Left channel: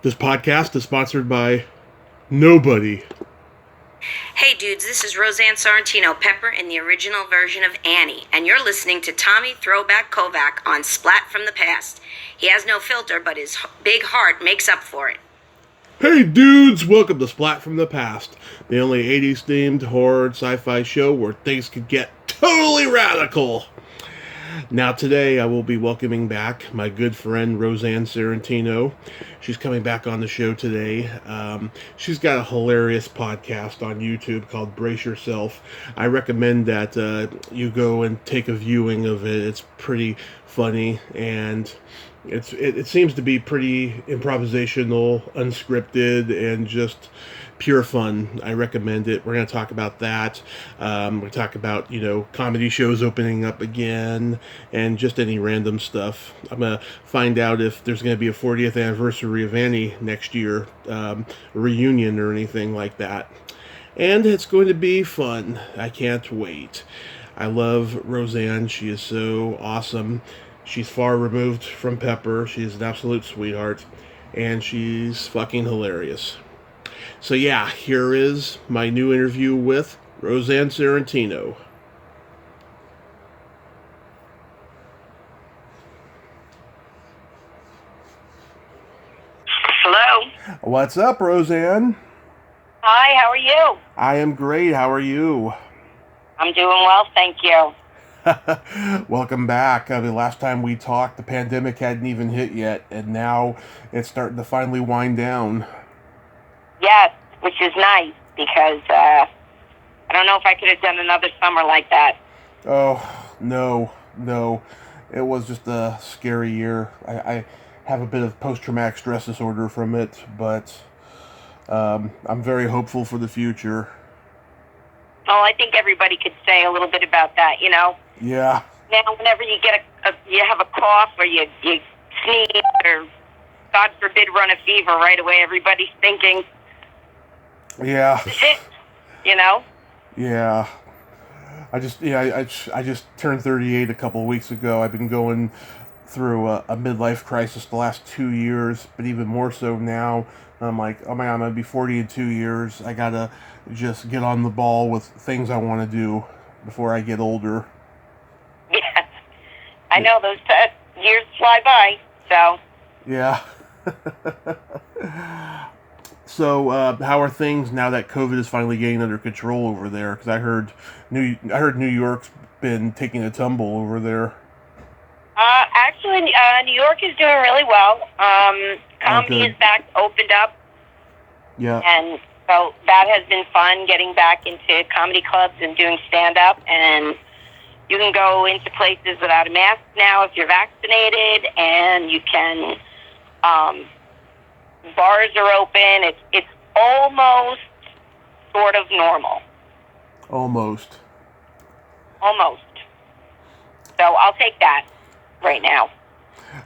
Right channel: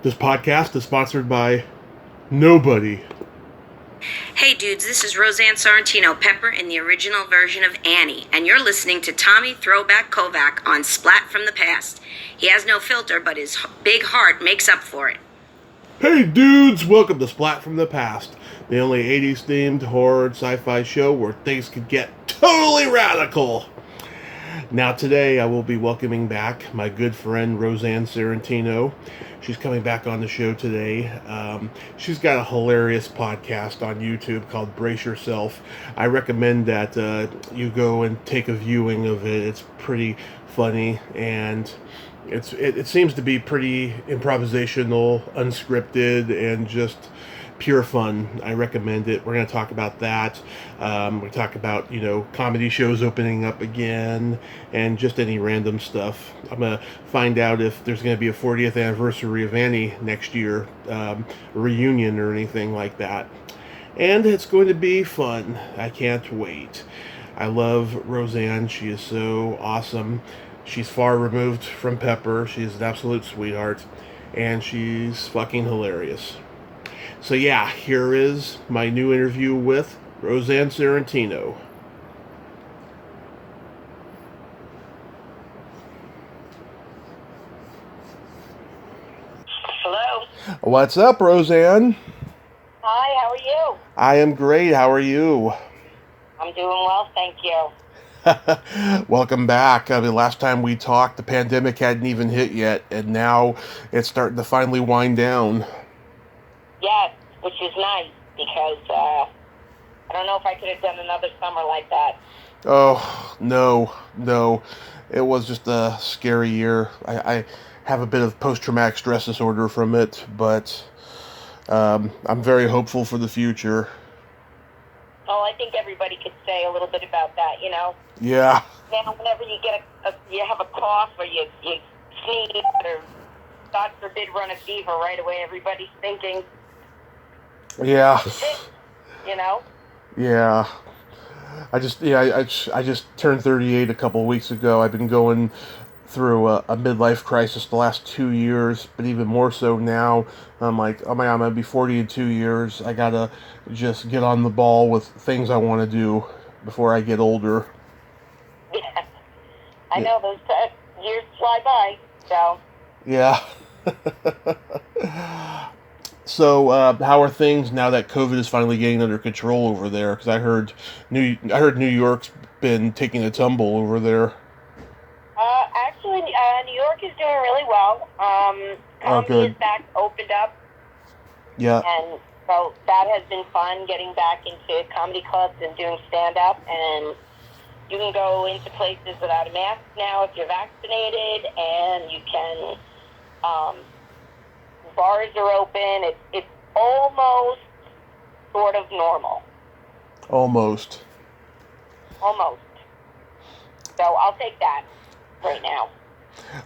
This podcast is sponsored by nobody. Hey dudes, this is Rosanne Sorrentino Pepper in the original version of Annie, and you're listening to Tommy Throwback Kovac on Splat from the Past. He has no filter, but his big heart makes up for it. Hey dudes, welcome to Splat from the Past, the only 80s themed horror and sci-fi show where things could get totally radical. Now today I will be welcoming back my good friend Rosanne Sorrentino. She's coming back on the show today. She's got a hilarious podcast on YouTube called Brace Yourself. I recommend that you go and take a viewing of it. It's pretty funny, and it seems to be pretty improvisational, unscripted, and just pure fun. I recommend it. We're going to talk about that. We're going to talk about, comedy shows opening up again and just any random stuff. I'm going to find out if there's going to be a 40th anniversary of Annie next year, a reunion or anything like that. And it's going to be fun. I can't wait. I love Rosanne. She is so awesome. She's far removed from Pepper. She's an absolute sweetheart. And she's fucking hilarious. So yeah, here is my new interview with Rosanne Sorrentino. Hello. What's up, Rosanne? Hi, how are you? I am great. How are you? I'm doing well, thank you. Welcome back. Last time we talked, the pandemic hadn't even hit yet, and now it's starting to finally wind down. Yes, which is nice because I don't know if I could have done another summer like that. Oh, no. It was just a scary year. I have a bit of post-traumatic stress disorder from it, but I'm very hopeful for the future. Oh, I think everybody could say a little bit about that, Yeah. Now, whenever you get you have a cough or you sneeze or, God forbid, run a fever, right away everybody's thinking, Yeah. Yeah. I just turned 38 a couple of weeks ago. I've been going through a midlife crisis the last 2 years, but even more so now. I'm like, oh my God, I'm going to be 40 in 2 years. I got to just get on the ball with things I want to do before I get older. Yeah, I know those years fly by, so. Yeah. So, how are things now that COVID is finally getting under control over there? Because I heard New York's been taking a tumble over there. Actually, New York is doing really well. Comedy is back, opened up. Yeah. And so that has been fun, getting back into comedy clubs and doing stand-up. And you can go into places without a mask now if you're vaccinated, and you can, bars are open. It's almost sort of normal. Almost. So I'll take that right now.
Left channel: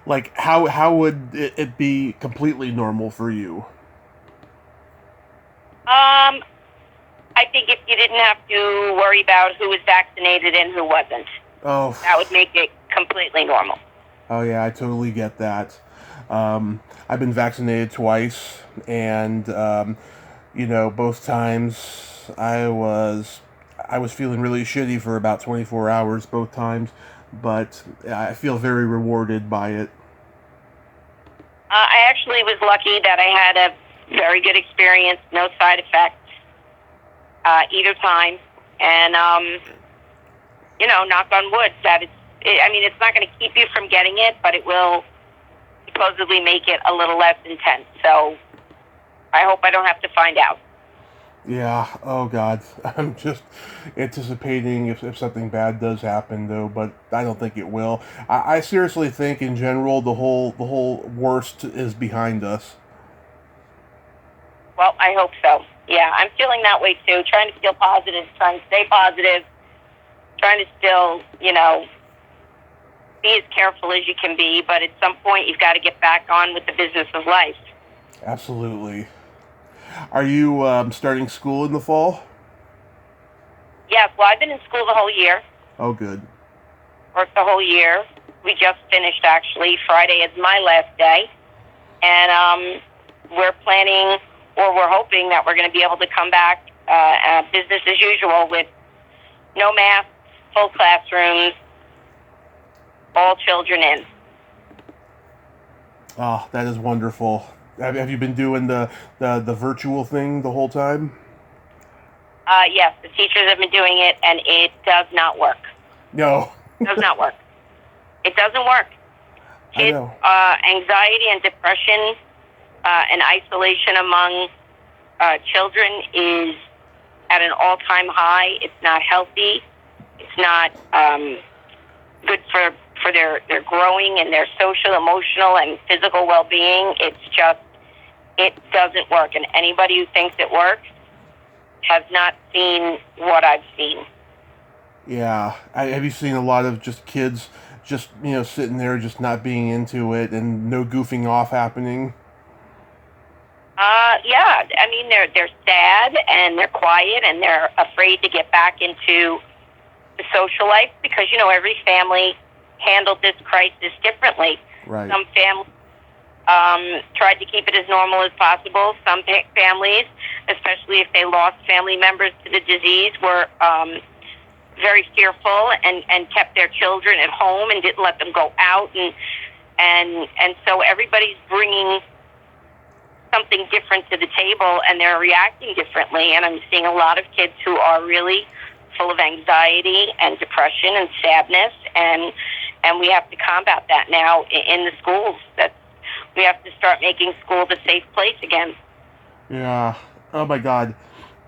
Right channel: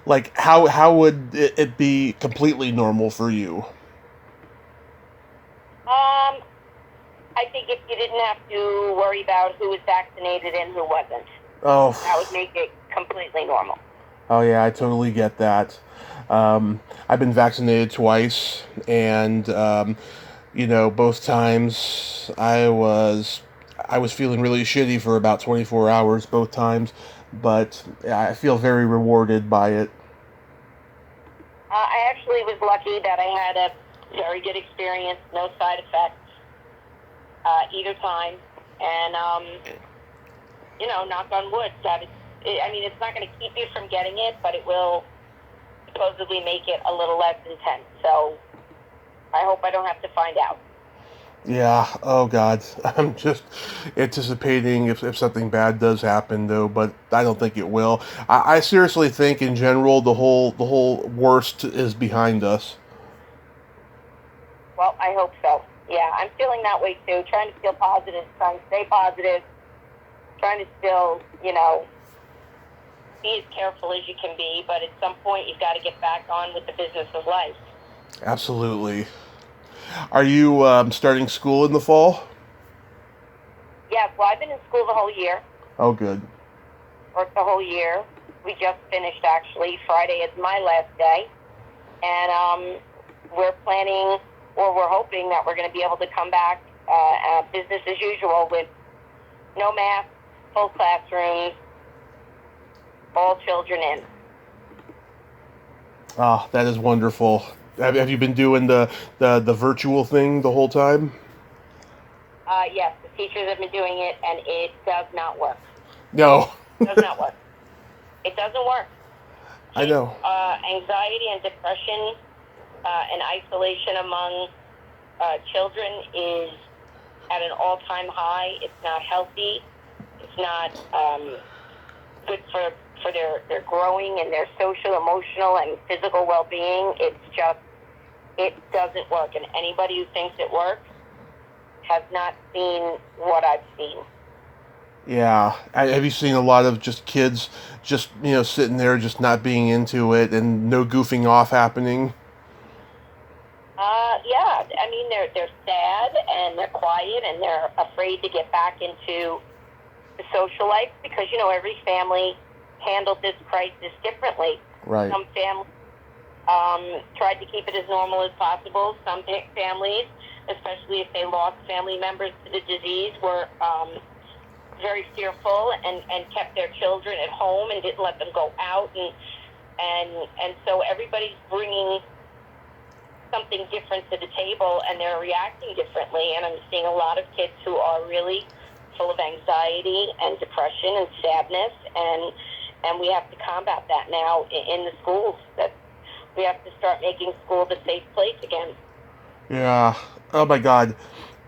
Like, how would it be completely normal for you? I think if you didn't have to worry about who was vaccinated and who wasn't, that would make it completely normal. Oh yeah, I totally get that. I've been vaccinated twice, and both times I was feeling really shitty for about 24 hours both times, but I feel very rewarded by it. I actually was lucky that I had a very good experience, no side effects either time, and knock on wood, that it's not going to keep you from getting it, but it will supposedly make it a little less intense. So I hope I don't have to find out. Yeah, oh God. I'm just anticipating if something bad does happen, though, but I don't think it will. I seriously think, in general, the whole worst is behind us. Well, I hope so. Yeah, I'm feeling that way, too. Trying to feel positive, trying to stay positive, trying to still, be as careful as you can be, but at some point you've got to get back on with the business of life. Absolutely. Are you starting school in the fall? Yes, well, I've been in school the whole year. Oh, good. Worked the whole year. We just finished, actually. Friday is my last day. And we're planning, or we're hoping that we're going to be able to come back business as usual with no masks, full classrooms, all children in. Oh, that is wonderful. Have you been doing the virtual thing the whole time? Yes, the teachers have been doing it, and it does not work. No. It does not work. It doesn't work. I know. Anxiety and depression and isolation among children is at an all-time high. It's not healthy. It's not good for their growing and their social, emotional, and physical well-being. It doesn't work. And anybody who thinks it works has not seen what I've seen. Yeah. Have you seen a lot of just kids just, sitting there just not being into it and no goofing off happening? Yeah. I mean, they're sad and they're quiet and they're afraid to get back into the social life because, every family handled this crisis differently. Right. Some families tried to keep it as normal as possible. Some families, especially if they lost family members to the disease, were very fearful and kept their children at home and didn't let them go out. And so everybody's bringing something different to the table, and they're reacting differently. And I'm seeing a lot of kids who are really full of anxiety and depression and sadness, and we have to combat that now in the schools. That we have to start making schools a safe place again. Yeah. Oh my God.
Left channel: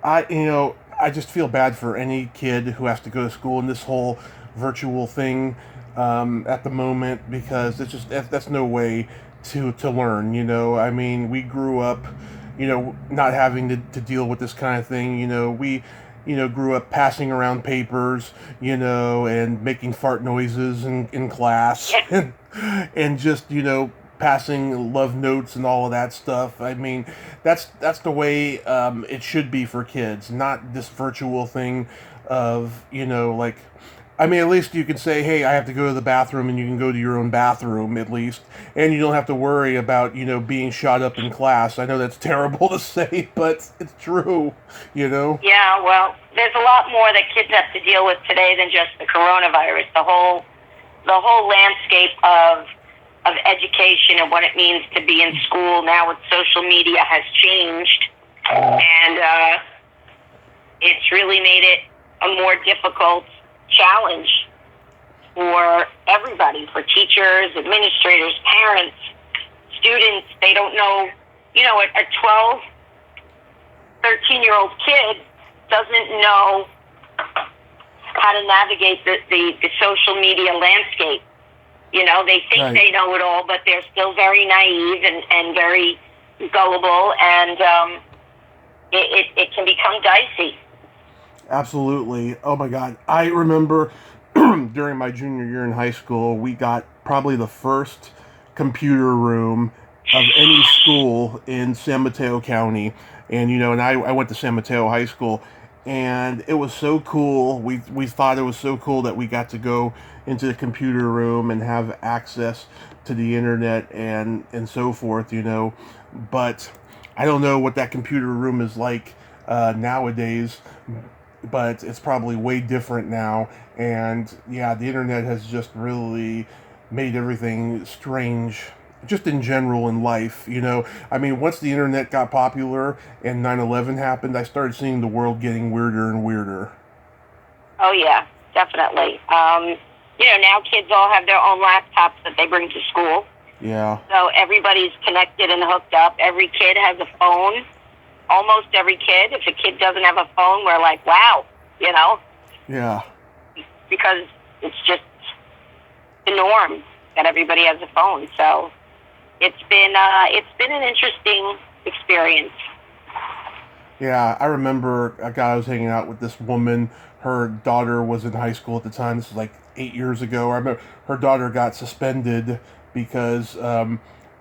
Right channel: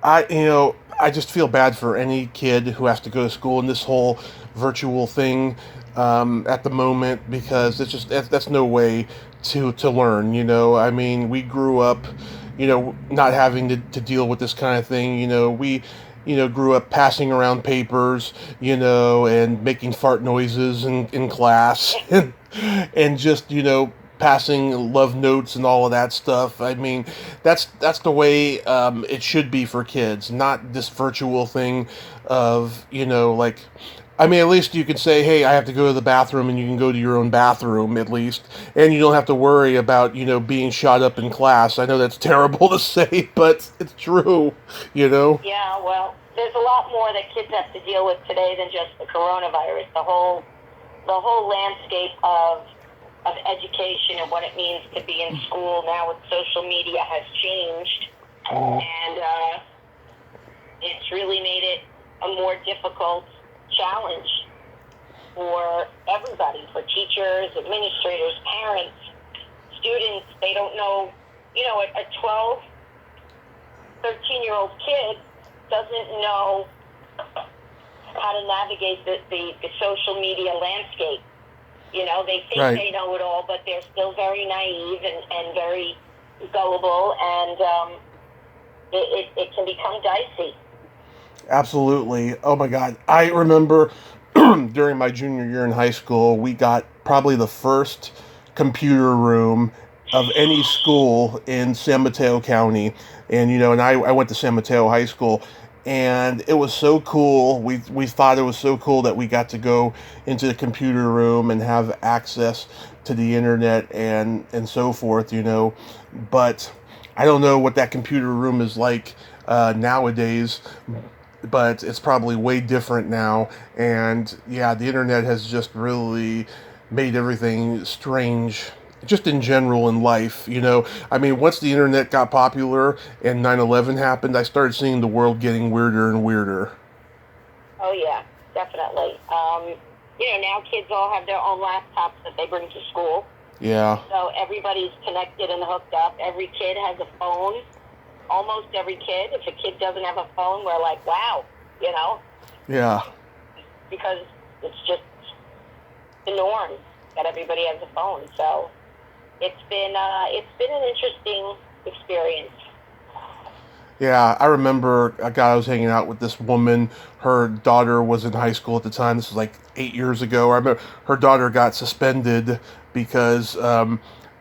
I just feel bad for any kid who has to go to school in this whole virtual thing at the moment, because that's no way to learn. I mean, we grew up, not having to deal with this kind of thing. We grew up passing around papers, and making fart noises in class and just, passing love notes and all of that stuff. I mean, that's the way it should be for kids, not this virtual thing of, at least you could say, hey, I have to go to the bathroom, and you can go to your own bathroom at least, and you don't have to worry about, being shot up in class. I know that's terrible to say, but it's true, Yeah, well, there's a lot more that kids have to deal with today than just the coronavirus. The whole landscape of education and what it means to be in school now with social media has changed, and it's really made it a more difficult challenge for everybody, for teachers, administrators, parents, students. They don't know, a 12, 13-year-old kid doesn't know how to navigate the social media landscape. They think Right. They know it all, but they're still very naive and very gullible, and it can become dicey. Absolutely. Oh my God. I remember during my junior year in high school, we got probably the first computer room of any school in San Mateo County. And, and I went to San Mateo High School, and it was so cool. We thought it was so cool that we got to go into the computer room and have access to the internet and so forth, But I don't know what that computer room is like nowadays, but it's probably way different now. And yeah, the internet has just really made everything strange, just in general in life. I mean, once the internet got popular and 9/11 happened, I started seeing the world getting weirder and weirder. Oh yeah, definitely. Now kids all have their own laptops that they bring to school. Yeah. So everybody's connected and hooked up. Every kid has a phone. Almost every kid. If a kid doesn't have a phone, we're like, wow, Yeah. Because it's just the norm that everybody has a phone. So it's been an interesting experience. Yeah, I remember a guy I was hanging out with, this woman. Her daughter was in high school at the time. This was like 8 years ago. I remember her daughter got suspended because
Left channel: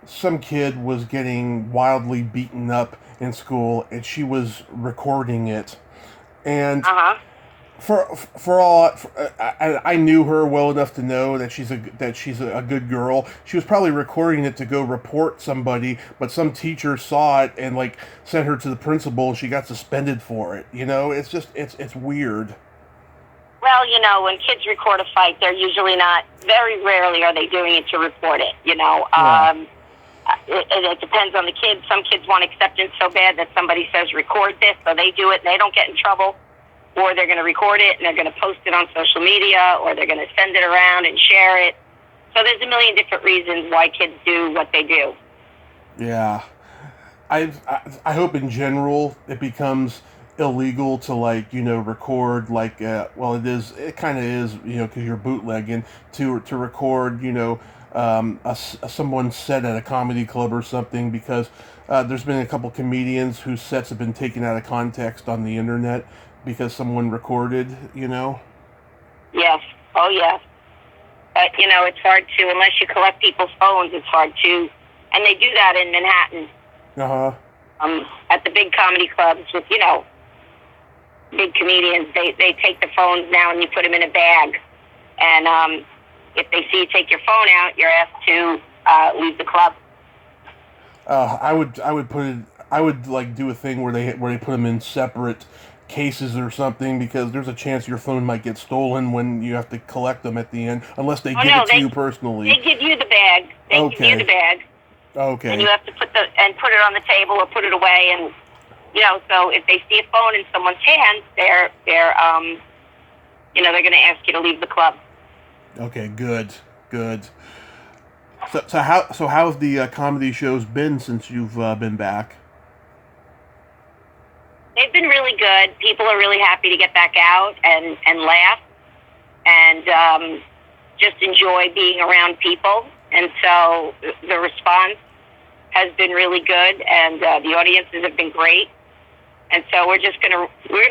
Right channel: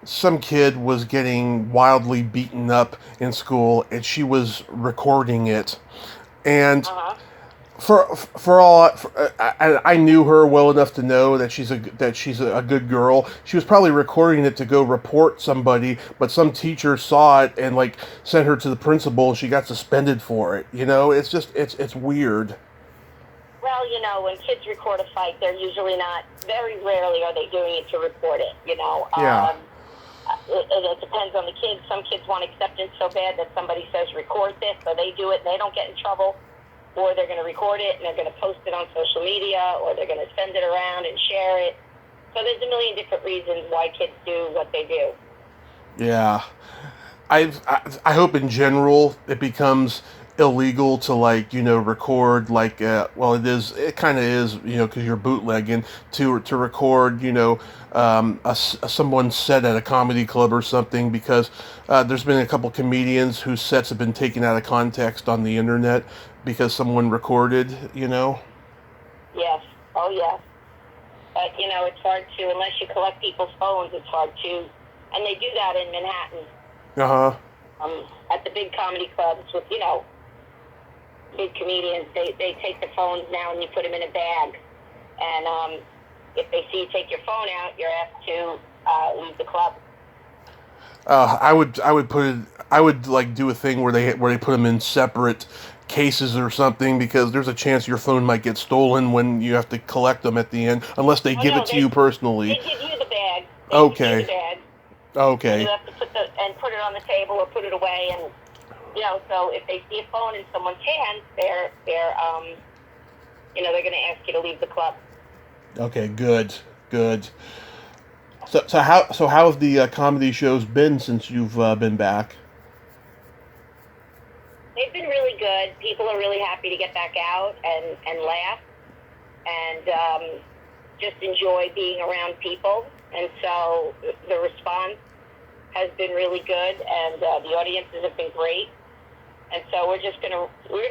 some kid was getting wildly beaten up in school, and she was recording it. And for all I knew her well enough to know that she's a good girl. She was probably recording it to go report somebody, but some teacher saw it and like sent her to the principal, and she got suspended for it. It's just it's weird. Well, when kids record a fight, they're usually not. Very rarely are they doing it to report it. Yeah. It depends on the kids. Some kids want acceptance so bad that somebody says record this, so they do it and they don't get in trouble. Or they're going to record it and they're going to post it on social media, or they're going to send it around and share it. So there's a million different reasons why kids do what they do. Yeah, I hope in general it becomes illegal to record it kind of is because you're bootlegging to record someone's set at a comedy club or something, because there's been a couple comedians whose sets have been taken out of context on the internet because someone recorded. Yes. Oh, yeah. But, it's hard to, unless you collect people's phones, it's hard to, and they do that in Manhattan. At the big comedy clubs with, big comedians, they take the phones now and you put them in a bag. And if they see you take your phone out, you're asked to leave the club. I would like do a thing where they put them in separate cases or something, because there's a chance your phone might get stolen when you have to collect them at the end, unless they give it to you personally. They give you the bag. Okay. Give you the bag. Okay. And you have to put it on the table or put it away, and so if they see a phone in someone's hands, they're going to ask you to leave the club. Okay, good. So how have the comedy shows been since you've been back? They've been really good. People are really happy to get back out and laugh and just enjoy being around people. And so the response has been really good, and the audiences have been great. And so we're gonna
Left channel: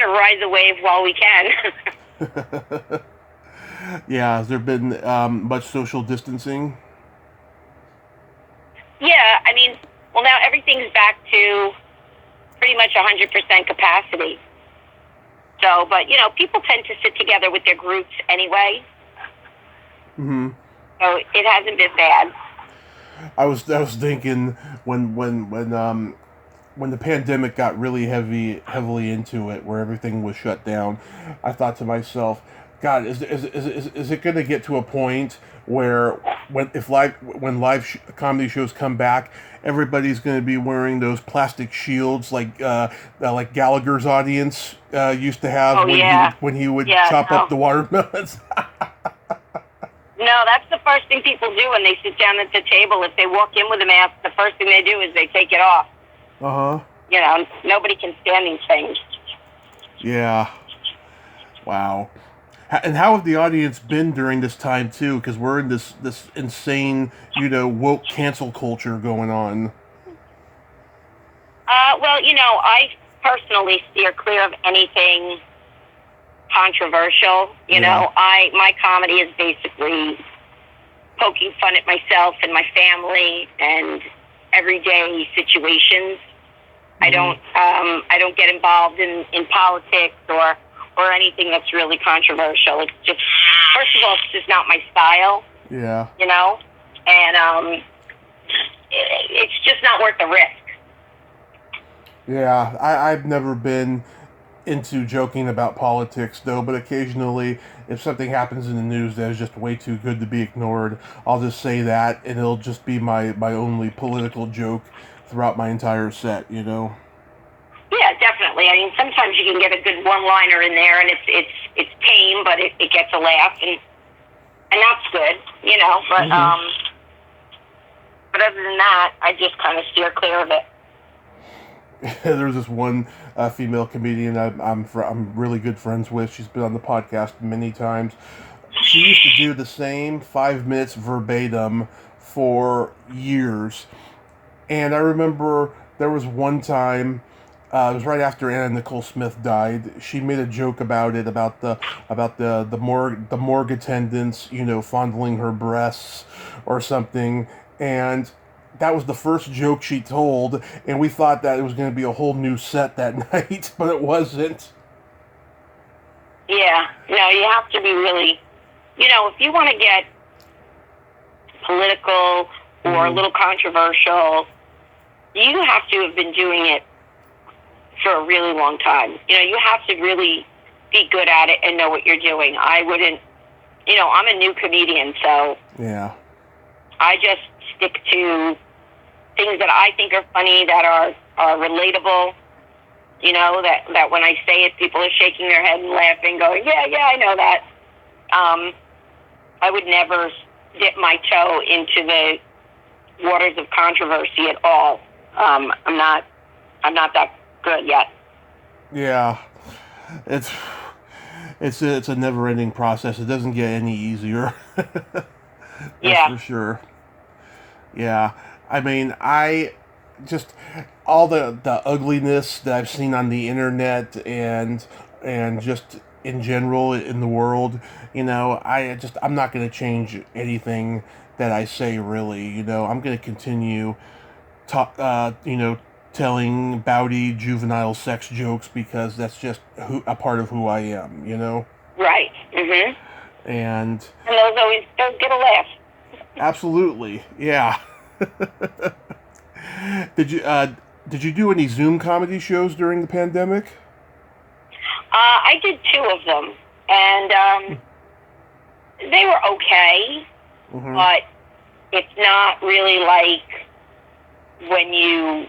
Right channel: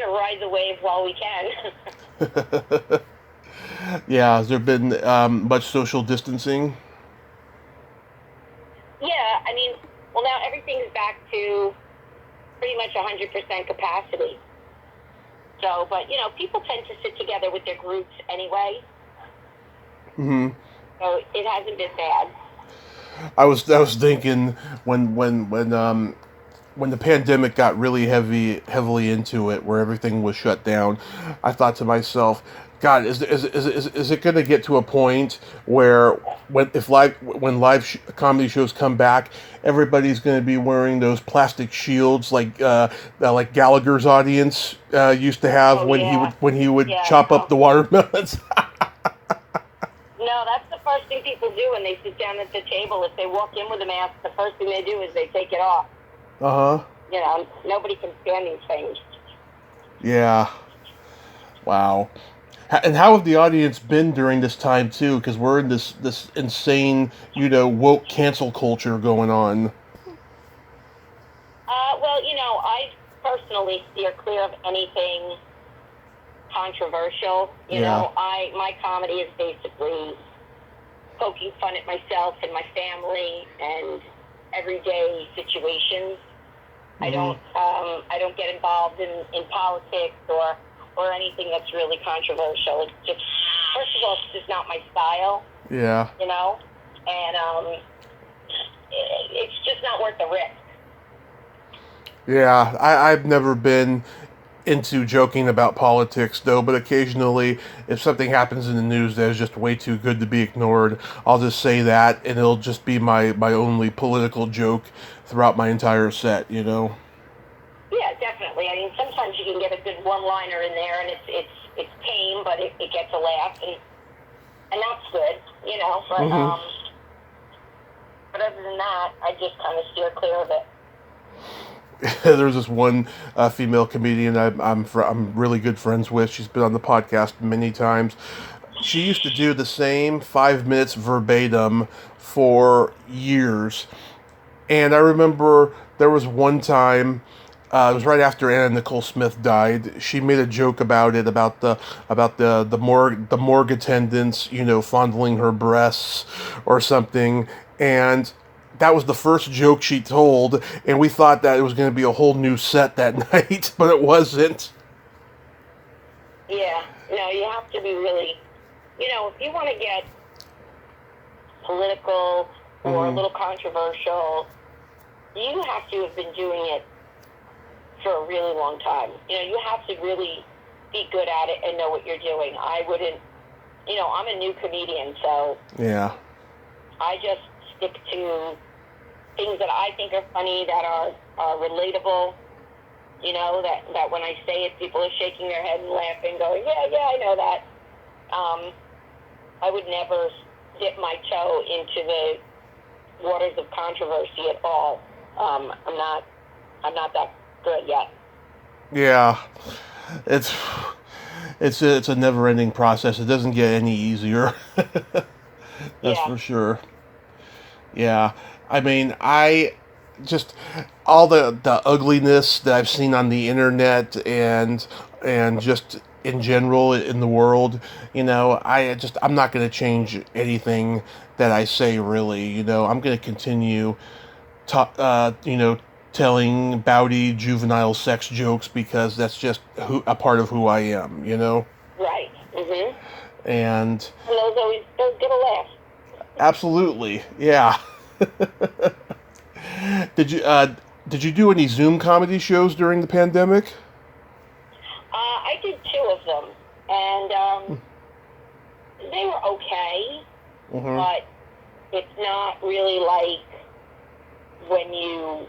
ride the wave while we can. Yeah, has there been much social distancing? Yeah, well, now everything's back to pretty much 100% capacity. So, but people tend to sit together with their groups anyway. Mm-hmm. So it hasn't been bad. I was thinking when the pandemic got really heavily into it, where everything was shut down, I thought to myself, God, is it going to get to a point where when live comedy shows come back, everybody's going to be wearing those plastic shields like Gallagher's audience used to have when he would chop up the watermelons? No, that's the first thing people do when they sit down at the table. If they walk in with a mask, the first thing they do is they take it off. Nobody can stand these things. Yeah. Wow. And how have the audience been during this time too? Because we're in this insane, woke cancel culture going on. Well, I personally steer clear of anything controversial. My comedy is basically poking fun at myself and my family and everyday situations. Mm-hmm. I don't get involved in politics or anything that's really controversial. It's just, first of all, it's just not my style. Yeah. And it's just not worth the risk. Yeah, I've never been into joking about politics, though, but occasionally, if something happens in the news that is just way too good to be ignored, I'll just say that, and it'll just be my only political joke throughout my entire set, Yeah, definitely. Sometimes you can get a good one-liner in there, and it's tame, but it gets a laugh, and that's good, But mm-hmm. But other than that, I just kind of steer clear of it. There's this one female comedian I'm really good friends with. She's been on the podcast many times. She used to do the same 5 minutes verbatim for years, and I remember there was one time. It was right after Anna Nicole Smith died. She made a joke about it, about the morgue attendants, fondling her breasts or something, and that was the first joke she told, and we thought that it was going to be a whole new set that night, but it wasn't. Yeah. No, you have to be really, if you want to get political or a little controversial, you have to have been doing it for a really long time. You have to really be good at it and know what you're doing. I wouldn't, I'm a new comedian, so Yeah. I just stick to things that I think are funny, that are relatable. That when I say it, people are shaking their head and laughing, going, yeah, I know that. I would never dip my toe into the waters of controversy at all. I'm not that good yet. Yeah. It's a never-ending process. It doesn't get any easier. That's for sure. Yeah. I mean, I just all the ugliness that I've seen on the internet and just in general in the world, I'm not going to change anything that I say really. I'm going to continue telling bawdy juvenile sex jokes because that's just a part of who I am, Right. Mhm. And those get a laugh. Absolutely, yeah. Did you do any Zoom comedy shows during the pandemic? I did 2 of them, and they were okay, but it's not really like when you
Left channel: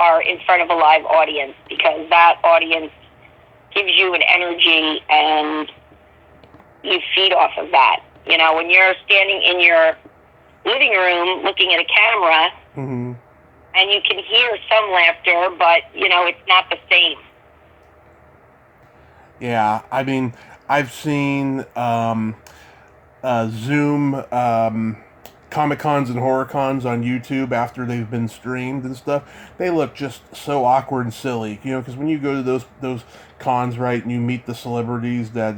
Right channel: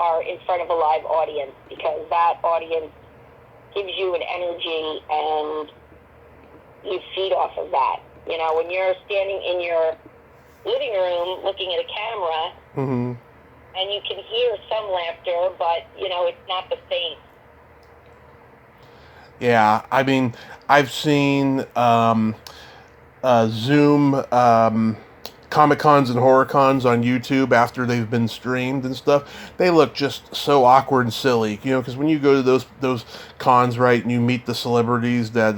are in front of a live audience, because that audience gives you an energy and you feed off of that. When you're standing in your living room looking at a camera, and you can hear some laughter, but, it's not the same. Yeah, I mean, I've seen Zoom Comic-Cons and Horror-Cons on YouTube after they've been streamed and stuff. They look just so awkward and silly, because when you go to those cons, right, and you meet the celebrities that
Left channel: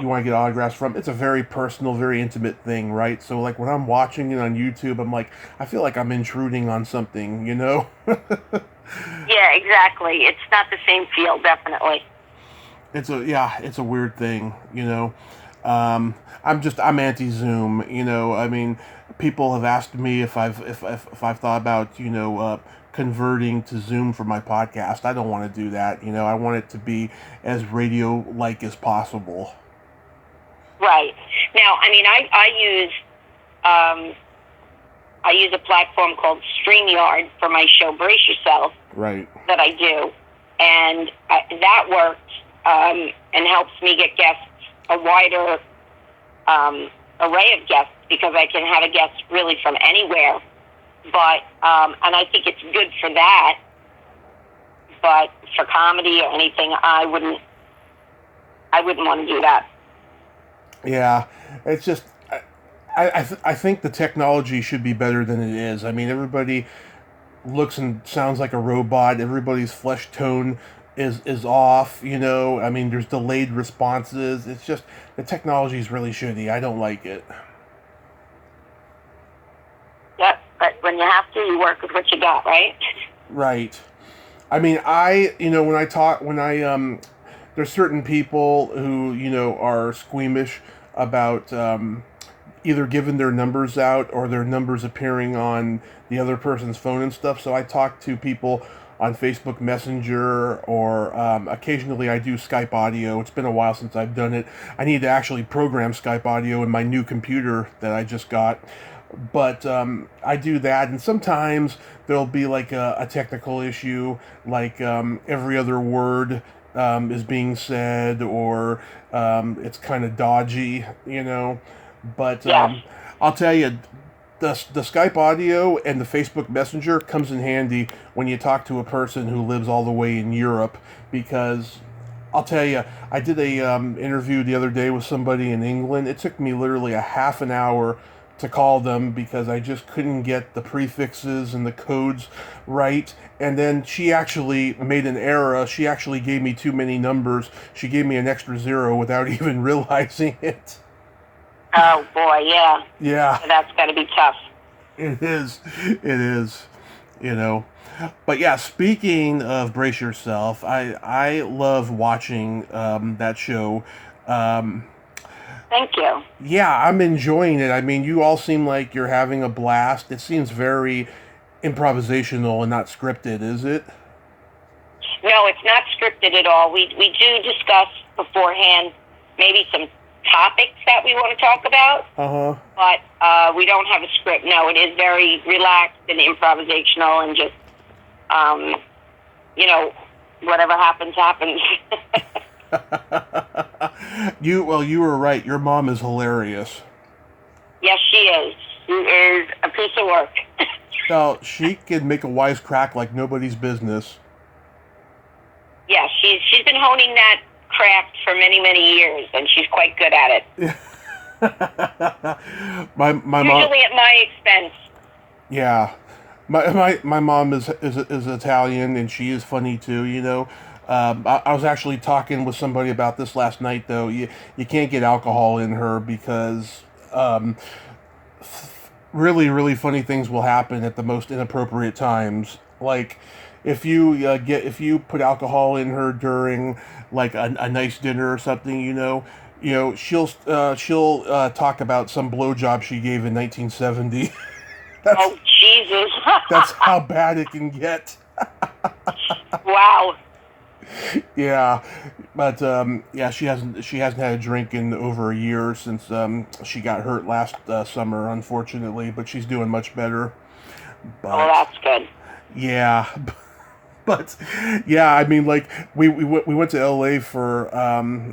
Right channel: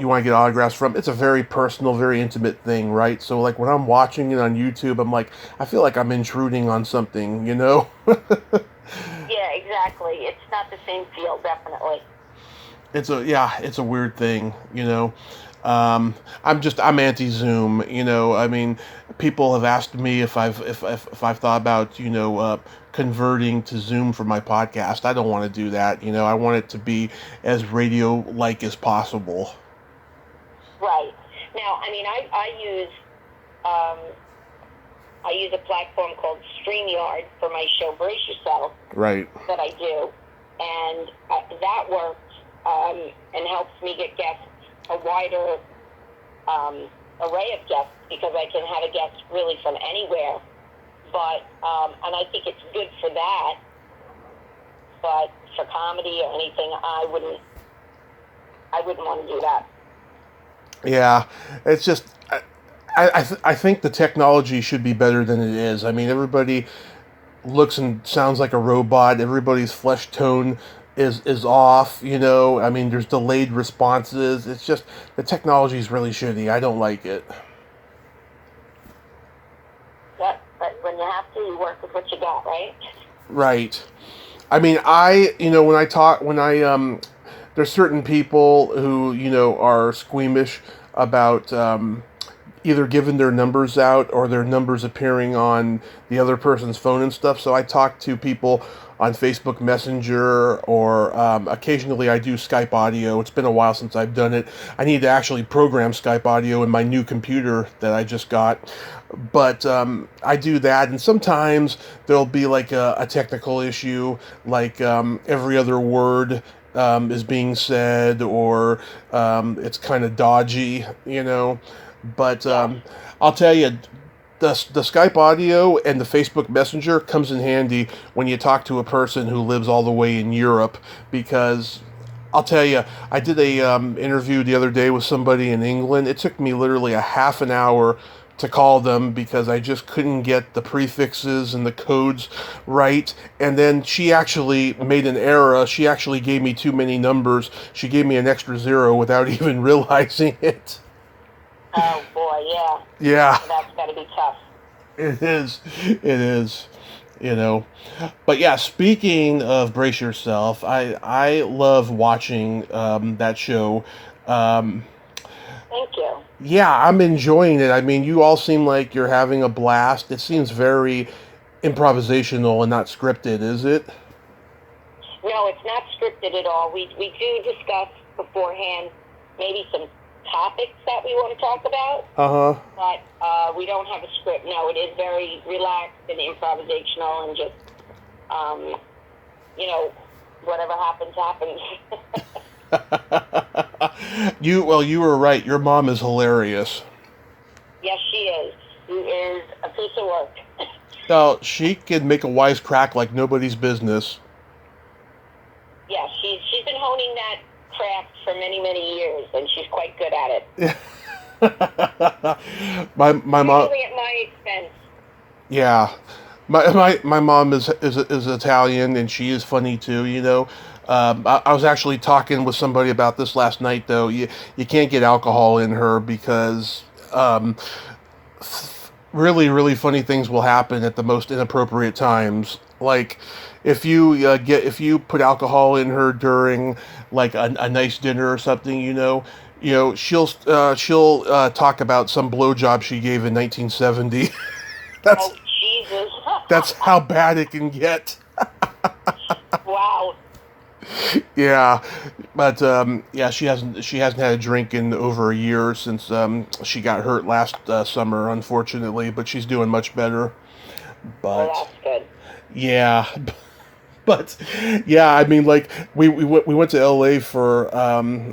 you want to get autographs from, it's a very personal, very intimate thing, right? So, like, when I'm watching it on YouTube, I'm like, I feel like I'm intruding on something, Yeah, exactly. It's not the same feel, definitely. It's a weird thing, I'm anti-Zoom, I mean, people have asked me if I've thought about, converting to Zoom for my podcast. I don't want to do that, I want it to be as radio-like as possible. Right. Now, I mean, I use a platform called StreamYard for my show Brace Yourself. Right. That I do, and that works and helps me get guests, a wider array of guests, because I can have a guest really from anywhere. But and I think it's good for that. But for comedy or anything, I wouldn't want to do that. Yeah, it's just I think the technology should be better than it is. I mean, everybody looks and sounds like a robot. Everybody's flesh tone is off, I mean, there's delayed responses. It's just, the technology is really shitty. I don't like it. Yep, but when you have to, you work with what you got, right? Right. I mean, there's certain people who, are squeamish about either giving their numbers out or their numbers appearing on the other person's phone and stuff. So I talk to people on Facebook Messenger, or occasionally I do Skype audio. It's been a while since I've done it. I need to actually program Skype audio in my new computer that I just got. But I do that, and sometimes there'll be like a technical issue, like every other word is being said, or it's kind of dodgy, But I'll tell you, the Skype audio and the Facebook Messenger comes in handy when you talk to a person who lives all the way in Europe, because I'll tell you, I did a interview the other day with somebody in England. It took me literally a half an hour to call them because I just couldn't get the prefixes and the codes right. And then she actually made an error. She actually gave me too many numbers. She gave me an extra 0 without even realizing it. Oh boy, yeah. Yeah. That's got to be tough. It is. you know. But yeah, speaking of Brace Yourself, I love watching that show. Um, Thank you. yeah, I'm enjoying it. I mean, you all seem like you're having a blast. It seems very improvisational and not scripted, is it? No, it's not scripted at all. We do discuss beforehand maybe some topics that we want to talk about, Uh huh. but we don't have a script. No, it is very relaxed and improvisational and just, um, you know, whatever happens, happens. You were right. Your mom is hilarious. Yes, she is. She is a piece of work. Now, she can make a wisecrack like nobody's business. Yeah, she's been honing that craft for many, many years, and she's quite good at it. My mom. Usually at my expense. Yeah, my mom is Italian, and she is funny too. You know, I was actually talking with somebody about this last night. Though you can't get alcohol in her because really funny things will happen at the most inappropriate times. Like if you put alcohol in her during like a nice dinner or something, she'll talk about some blowjob she gave in 1970. that's Oh, Jesus. that's how bad it can get. Wow. Yeah, but yeah, she hasn't had a drink in over a year since she got hurt last summer, unfortunately. But she's doing much better. Oh, But that's good. yeah, but yeah, I mean, like we went to L.A. for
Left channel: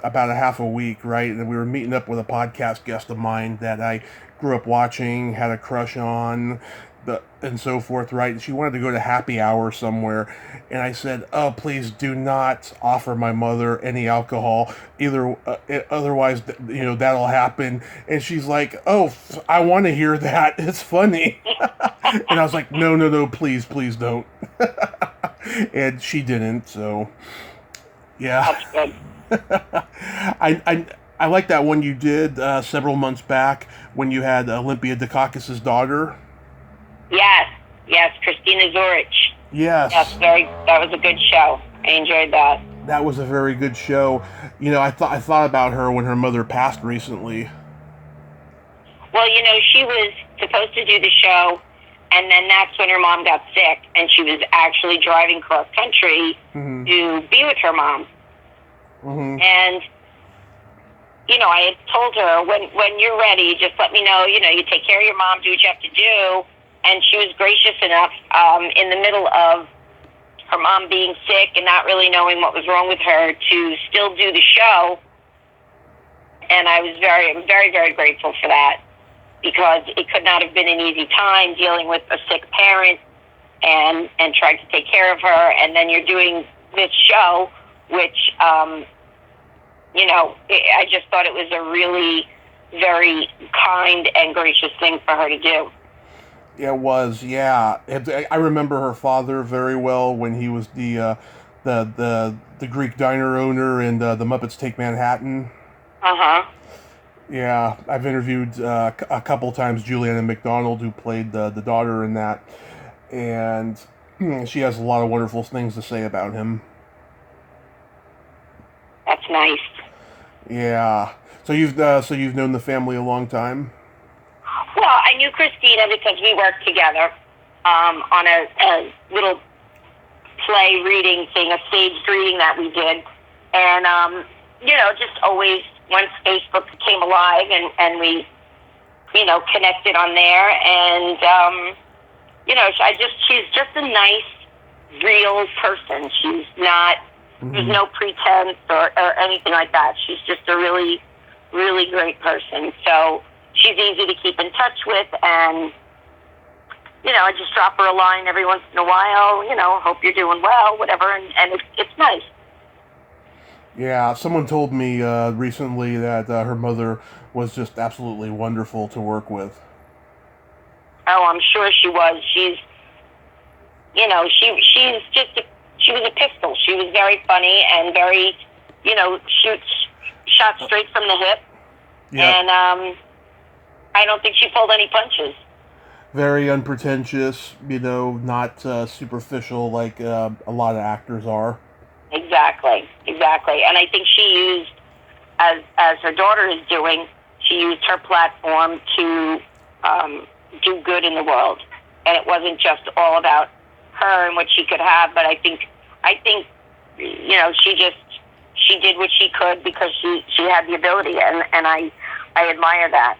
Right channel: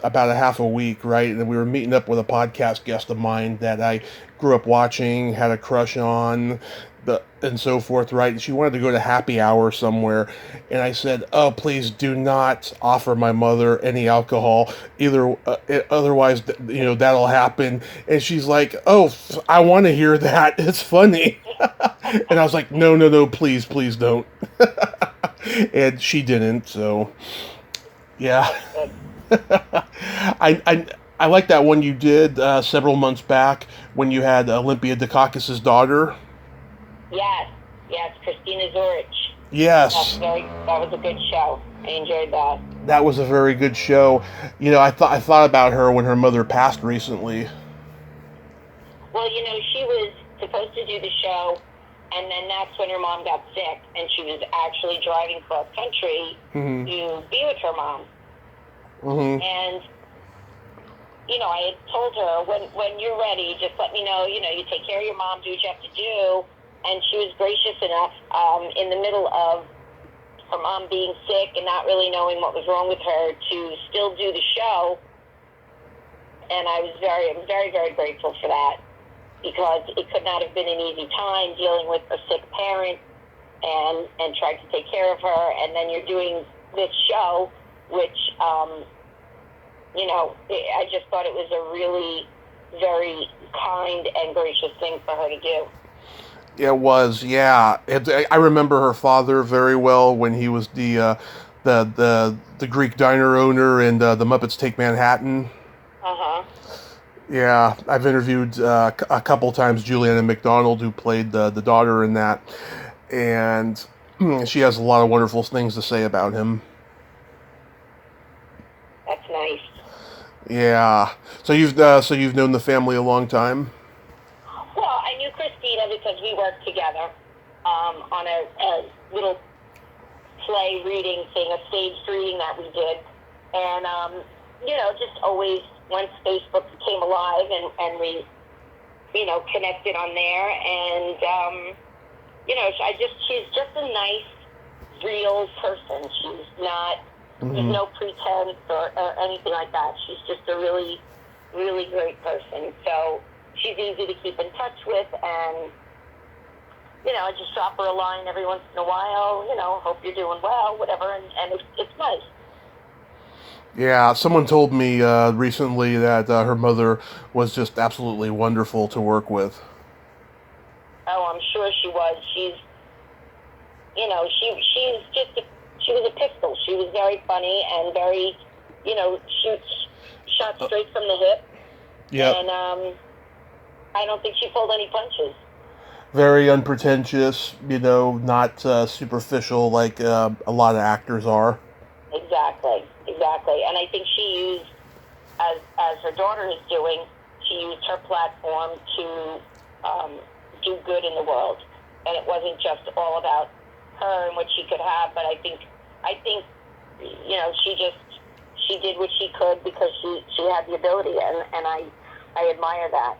about a half a week, right? And we were meeting up with a podcast guest of mine that I grew up watching, had a crush on, and so forth, right? And she wanted to go to happy hour somewhere, and I said, "Oh, please do not offer my mother any alcohol, either. Otherwise, that'll happen." And she's like, "Oh, I want to hear that. It's funny." And I was like, "No, no, no, please don't." And she didn't. So, yeah. That's good. I like that one you did several months back when you had Olympia Dukakis's daughter. Yes, yes, Christina Zorich. Yes, Yes, that was a good show. I enjoyed that. that was a very good show. I thought about her when her mother passed recently. Well, she was supposed to do the show, and then that's when her mom got sick, and she was actually driving cross country Hmm. to be with her mom. Hmm. And, I had told her, when you're ready, just let me know, you take care of your mom, do what you have to do. And she was gracious enough in the middle of her mom being sick and not really knowing what was wrong with her to still do the show. And I was very, very, very grateful for that because it could not have been an easy time dealing with a sick parent and trying to take care of her. And then you're doing this show, which, I just thought it was a really very kind and gracious thing for her to do. It was, yeah. I remember her father very well when he was the Greek diner owner in the Muppets Take Manhattan. Uh-huh. Yeah, I've interviewed a couple times Juliana McDonald, who played the daughter in that, and she has a lot of wonderful things to say about him. That's nice. Yeah. So you've known the family a long time. Well, I knew Christina because we worked together on a little play reading thing, a staged reading that we did. And, just always, once Facebook came alive and we, connected on there. And, she's just a nice, real person. She's not, there's no pretense or anything like that. She's just a really, really great person. So she's easy to keep in touch with, and I just drop her a line every once in a while. Hope you're doing well, whatever, and it's nice. Yeah, someone told me recently that her mother was just absolutely wonderful to work with. Oh, I'm sure she was. She's she was a pistol. She was very funny and very, shot straight from the hip. Yeah. And I don't think she pulled any punches. Very unpretentious, not superficial like a lot of actors are. Exactly, exactly. And I think she used, as her daughter is doing, she used her platform to do good in the world. And it wasn't just all about her and what she could have, but I think, she did what she could because she had the ability, and I admire that.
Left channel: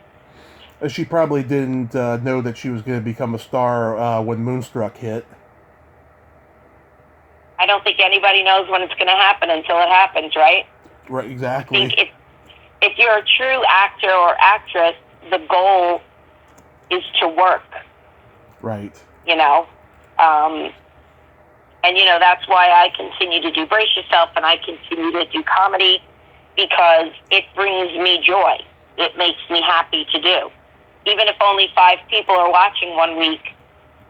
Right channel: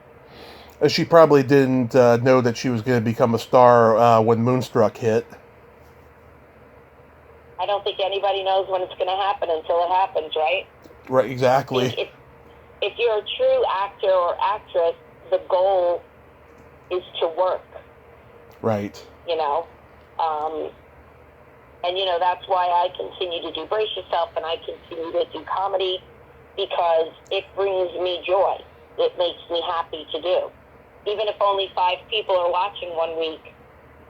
She probably didn't know that she was going to become a star when Moonstruck hit. I don't think anybody knows when it's going to happen until it happens, right? Right, exactly. If you're a true actor or actress, the goal is to work. Right. And that's why I continue to do Brace Yourself, and I continue to do comedy, because it brings me joy. It makes me happy to do. Even if only 5 people are watching one week,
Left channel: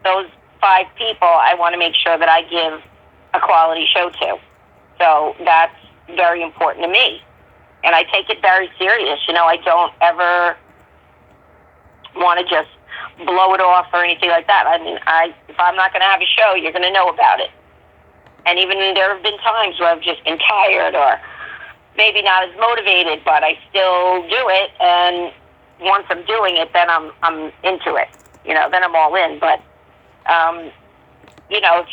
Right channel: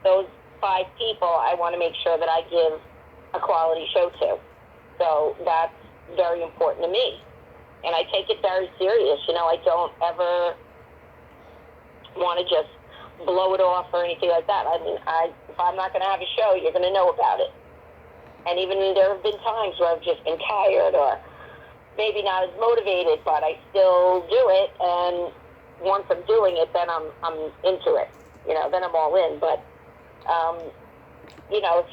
those 5 people I want to make sure that I give a quality show to. So that's very important to me. And I take it very serious. I don't ever want to just blow it off or anything like that. I mean, if I'm not going to have a show, you're going to know about it. And even there have been times where I've just been tired or maybe not as motivated, but I still do it. And once I'm doing it, then I'm into it. Then I'm all in. But if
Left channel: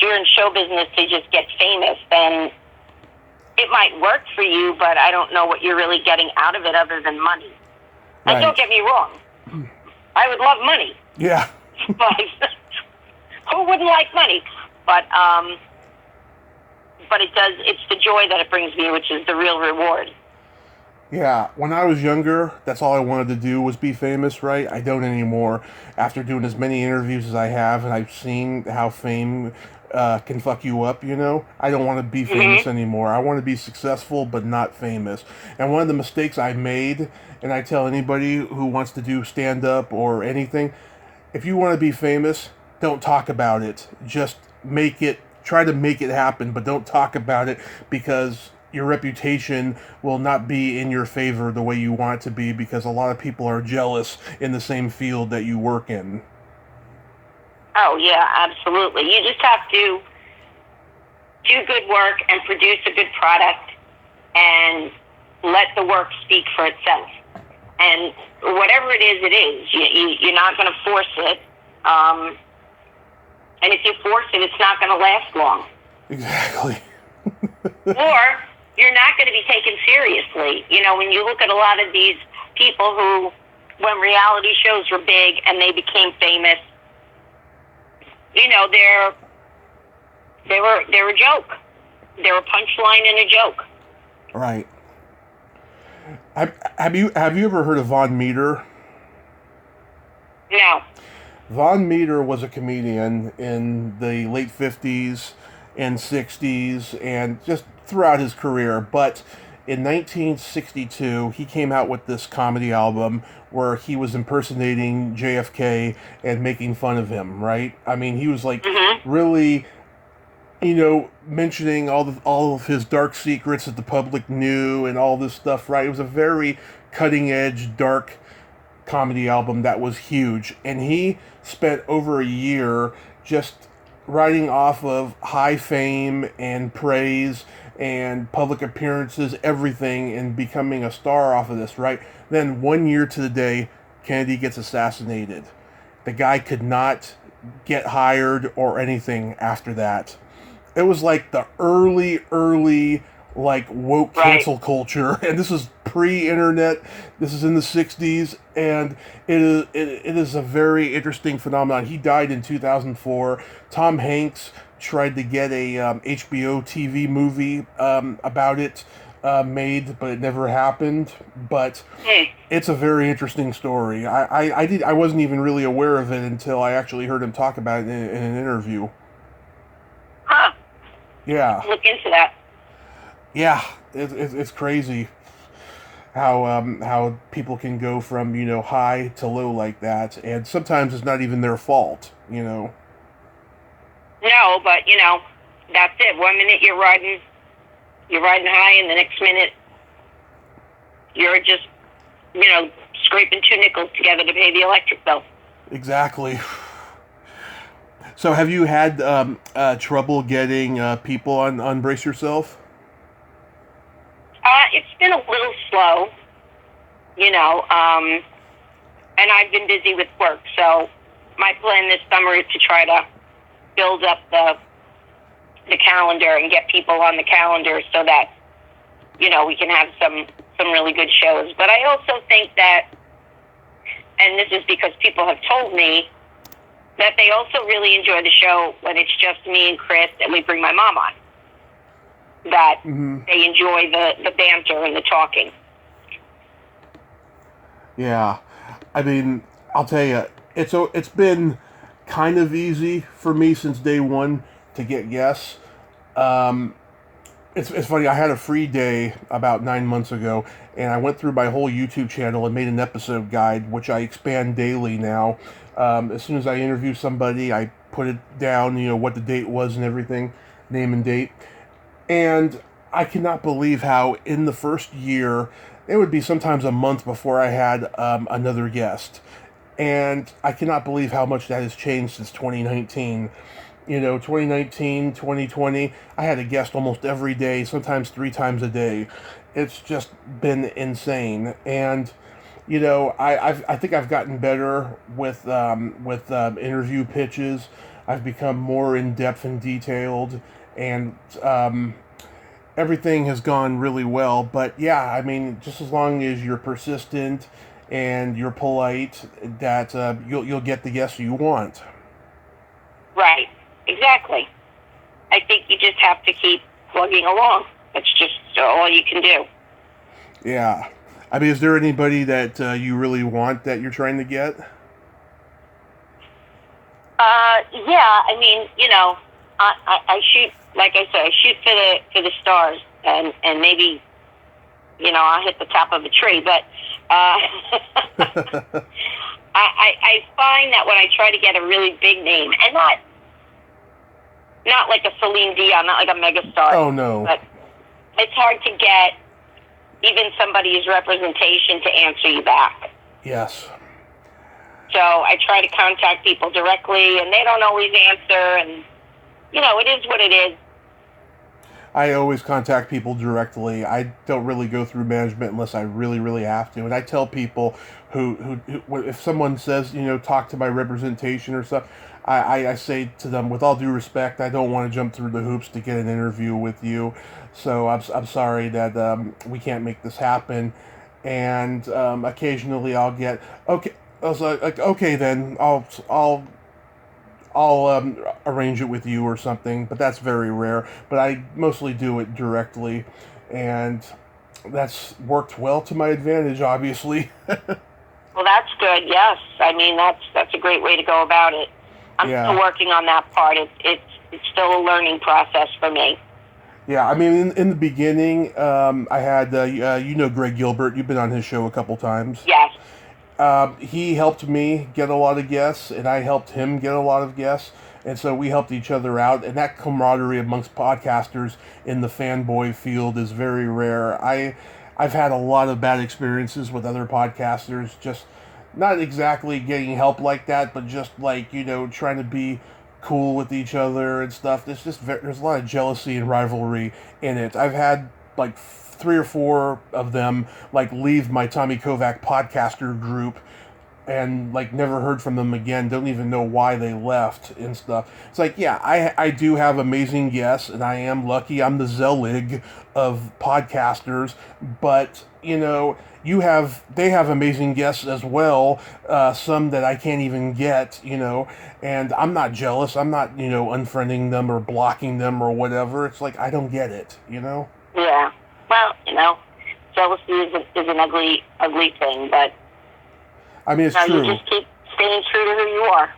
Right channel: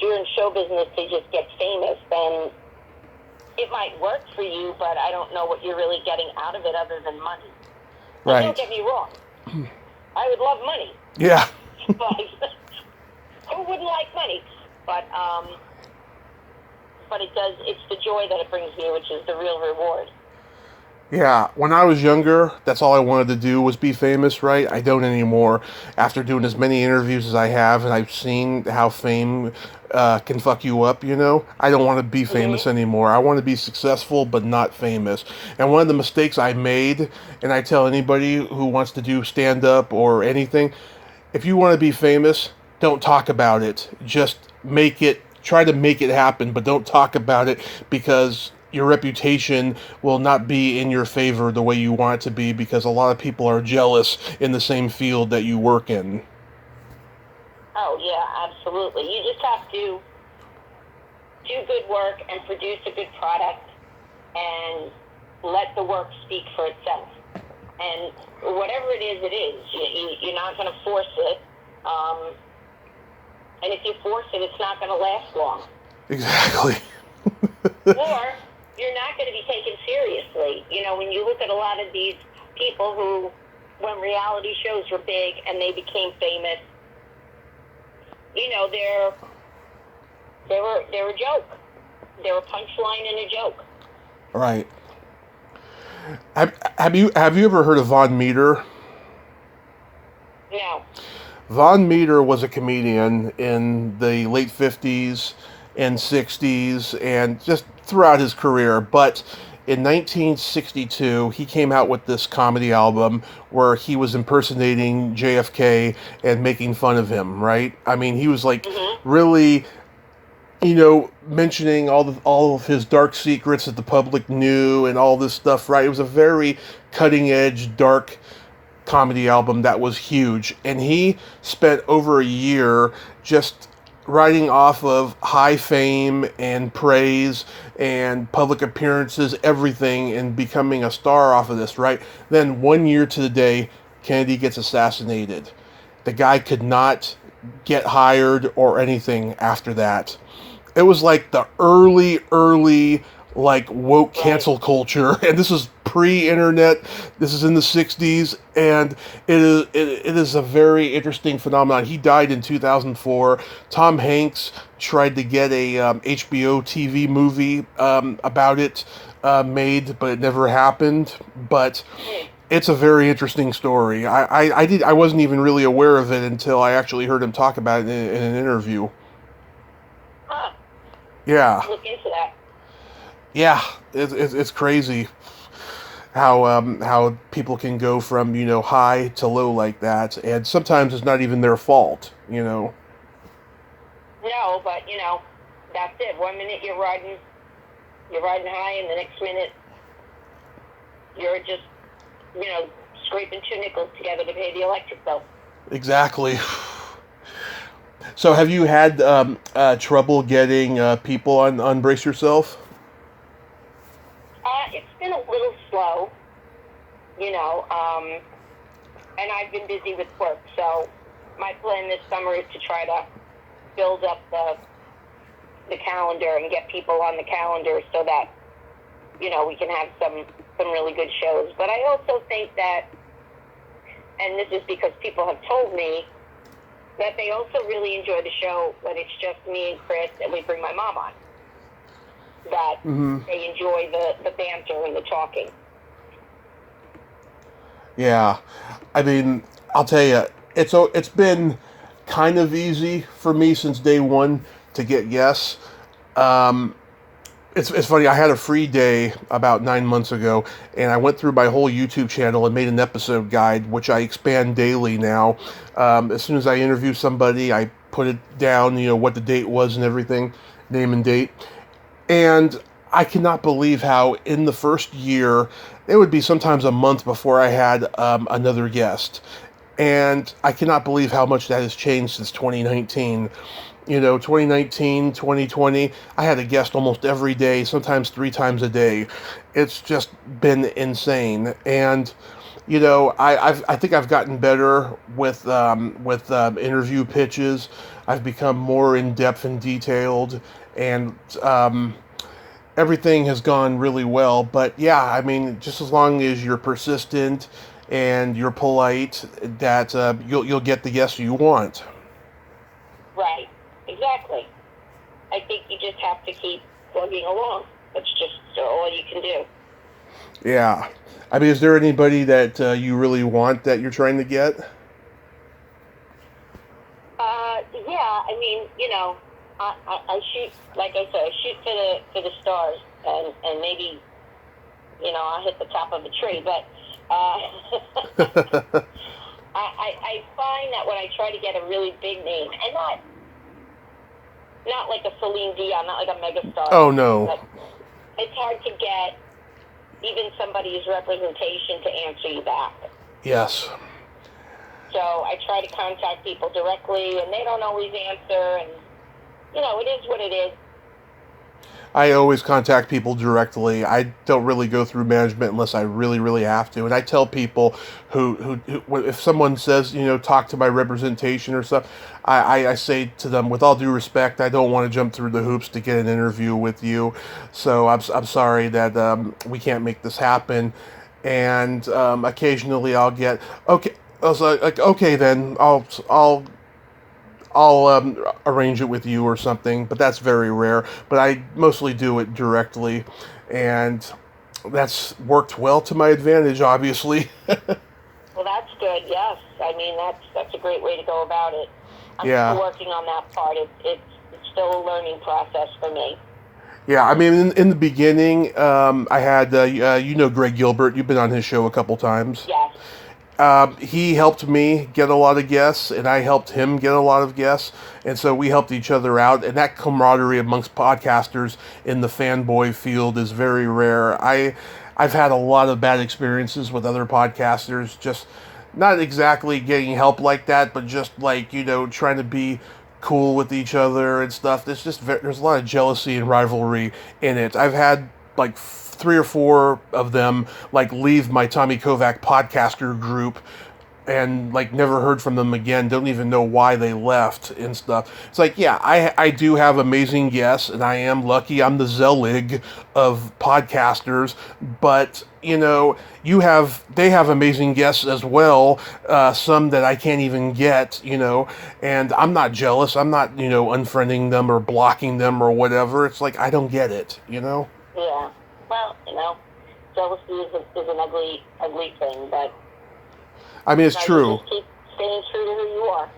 you're in show business to just get famous, then it might work for you, but I don't know what you're really getting out of it other than money. Right. And don't get me wrong. I would love money. Yeah. But who wouldn't like money? But it's the joy that it brings me, which is the real reward. Yeah, when I was younger, that's all I wanted to do was be famous, right? I don't anymore. After doing as many interviews as I have, and I've seen how fame can fuck you up, I don't want to be famous anymore. I want to be successful, but not famous. And one of the mistakes I made, and I tell anybody who wants to do stand-up or anything, if you want to be famous, don't talk about it. Just try to make it happen, but don't talk about it, because your reputation will not be in your favor the way you want it to be, because a lot of people are jealous in the same field that you work in. Oh, yeah, absolutely. You just have to do good work and produce a good product and let the work speak for itself. And whatever it is, it is. You're not going to force it. And if you force it, it's not going to last long. Exactly. Or you're not going to be taken seriously. When you look at a lot of these people who, when reality shows were big and they became famous, they're a joke. They're a punchline in a joke. Right. Have you ever heard of Von Meter? No. Von Meter was a comedian in the late 50s and 60s and just throughout his career. But in 1962, he came out with this comedy album where he was impersonating JFK and making fun of him, right? I mean, he was like really, mentioning all of his dark secrets that the public knew and all this stuff, right? It was a very cutting edge, dark comedy album that was huge. And he spent over a year just riding off of high fame and praise and public appearances, everything, and becoming a star off of this, right? Then 1 year to the day, Kennedy gets assassinated. The guy could not get hired or anything after that. It was like the early like woke cancel culture, and this is pre-internet. This is in the 60s, and it is a very interesting phenomenon. He died in 2004. Tom Hanks tried to get a HBO TV movie about it made, but it never happened. But it's a very interesting story. I wasn't even really aware of it until I actually heard him talk about it in an interview. Huh. Yeah. Look into that. Yeah, it's crazy how people can go from high to low like that, and sometimes it's not even their fault. No, but that's it. 1 minute you're riding high, and the next minute you're just scraping 2 nickels together to pay the electric bill. Exactly. So have you had trouble getting people on Brace Yourself? It's been a little slow, and I've been busy with work. So my plan this summer is to try to build up the calendar and get people on the calendar so that, we can have some really good shows. But I also think that, and this is because people have told me, that they also really enjoy the show when it's just me and Chris and we bring my mom on. That they enjoy the banter and the talking. Yeah. I mean, I'll tell you, it's been kind of easy for me since day one to get guests. It's funny, I had a free day about 9 months ago, and I went through my whole YouTube channel and made an episode guide, which I expand daily now. As soon as I interview somebody, I put it down, what the date was and everything, name and date. And I cannot believe how in the first year, it would be sometimes a month before I had another guest. And I cannot believe how much that has changed since 2019. 2019, 2020, I had a guest almost every day, sometimes 3 times a day. It's just been insane. And, I think I've gotten better with interview pitches. I've become more in-depth and detailed, and everything has gone really well. But yeah, I mean, just as long as you're persistent and you're polite, that you'll get the guests you want. Right. Exactly. I think you just have to keep plugging along. That's just all you can do. Yeah. I mean, is there anybody that you really want that you're trying to get? Yeah. I mean, I shoot, like I said, I shoot for the stars, and maybe, I'll hit the top of a tree. But I find that when I try to get a really big name, and not like a Celine Dion, not like a megastar. Oh, no. But it's hard to get even somebody's representation to answer you back. Yes. So I try to contact people directly, and they don't always answer, and, it is what it is. I always contact people directly. I don't really go through management unless I really, really have to. And I tell people who if someone says, talk to my representation or stuff, I say to them, with all due respect, I don't want to jump through the hoops to get an interview with you. So I'm sorry that we can't make this happen. And occasionally I'll get, okay, I was like, okay, then I'll arrange it with you or something, but that's very rare. But I mostly do it directly, and that's worked well to my advantage, obviously. Well, that's good. Yes, I mean that's a great way to go about it. I'm still working on that part. It's still a learning process for me. Yeah, I mean, in the beginning, I had Greg Gilbert. You've been on his show a couple times. Yes. He helped me get a lot of guests, and I helped him get a lot of guests, and so we helped each other out, and that camaraderie amongst podcasters in the fanboy field is very rare. I've had a lot of bad experiences with other podcasters, just not exactly getting help like that, but just like, trying to be cool with each other and stuff. There's a lot of jealousy and rivalry in it. I've had like 3 or 4 of them leave my Tommy Kovac podcaster group and never heard from them again. Don't even know why they left and stuff. It's like, yeah, I do have amazing guests, and I am lucky. I'm the Zelig of podcasters, but they have amazing guests as well. Some that I can't even get, and I'm not jealous. I'm not, unfriending them or blocking them or whatever. It's like, I don't get it, Yeah. Well, jealousy is an ugly thing, but I mean, it's true. You just keep staying true to who you are.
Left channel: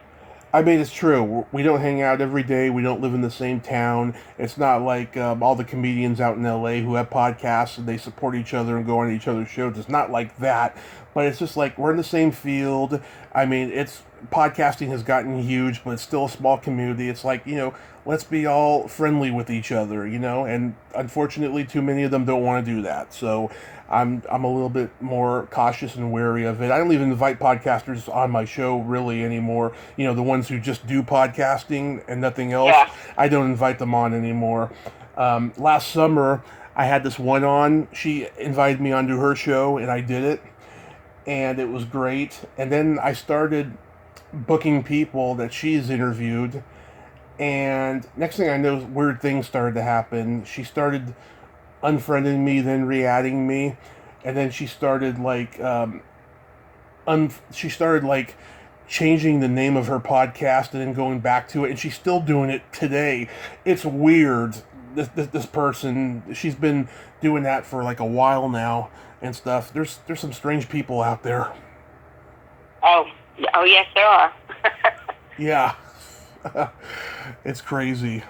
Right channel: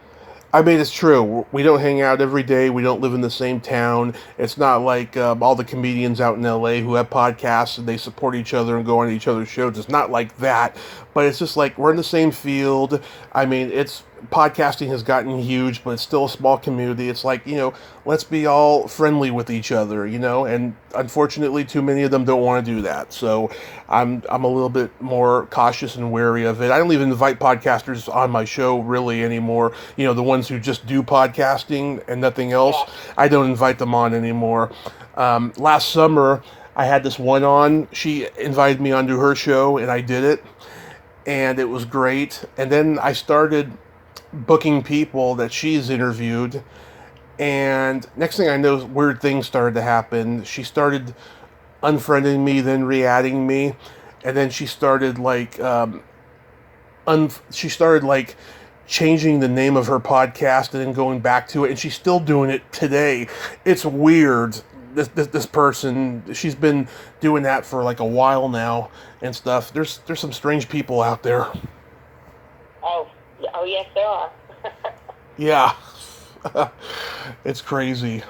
I mean, it's true. We don't hang out every day. We don't live in the same town. It's not like all the comedians out in LA who have podcasts and they support each other and go on each other's shows. It's not like that. But it's just like we're in the same field. I mean, it's podcasting has gotten huge, but it's still a small community. It's like, let's be all friendly with each other, and unfortunately too many of them don't want to do that. So I'm a little bit more cautious and wary of it. I don't even invite podcasters on my show really anymore. The ones who just do podcasting and nothing else. Yeah. I don't invite them on anymore. Last summer I had this one on. She invited me onto her show and I did it. And it was great. And then I started booking people that she's interviewed, and next thing I know, weird things started to happen. She started unfriending me, then re-adding me, and then she started changing the name of her podcast and then going back to it, and she's still doing it today. It's weird. This person, she's been doing that for like a while now and stuff. There's some strange people out there. Oh yes, there are. Yeah. It's crazy.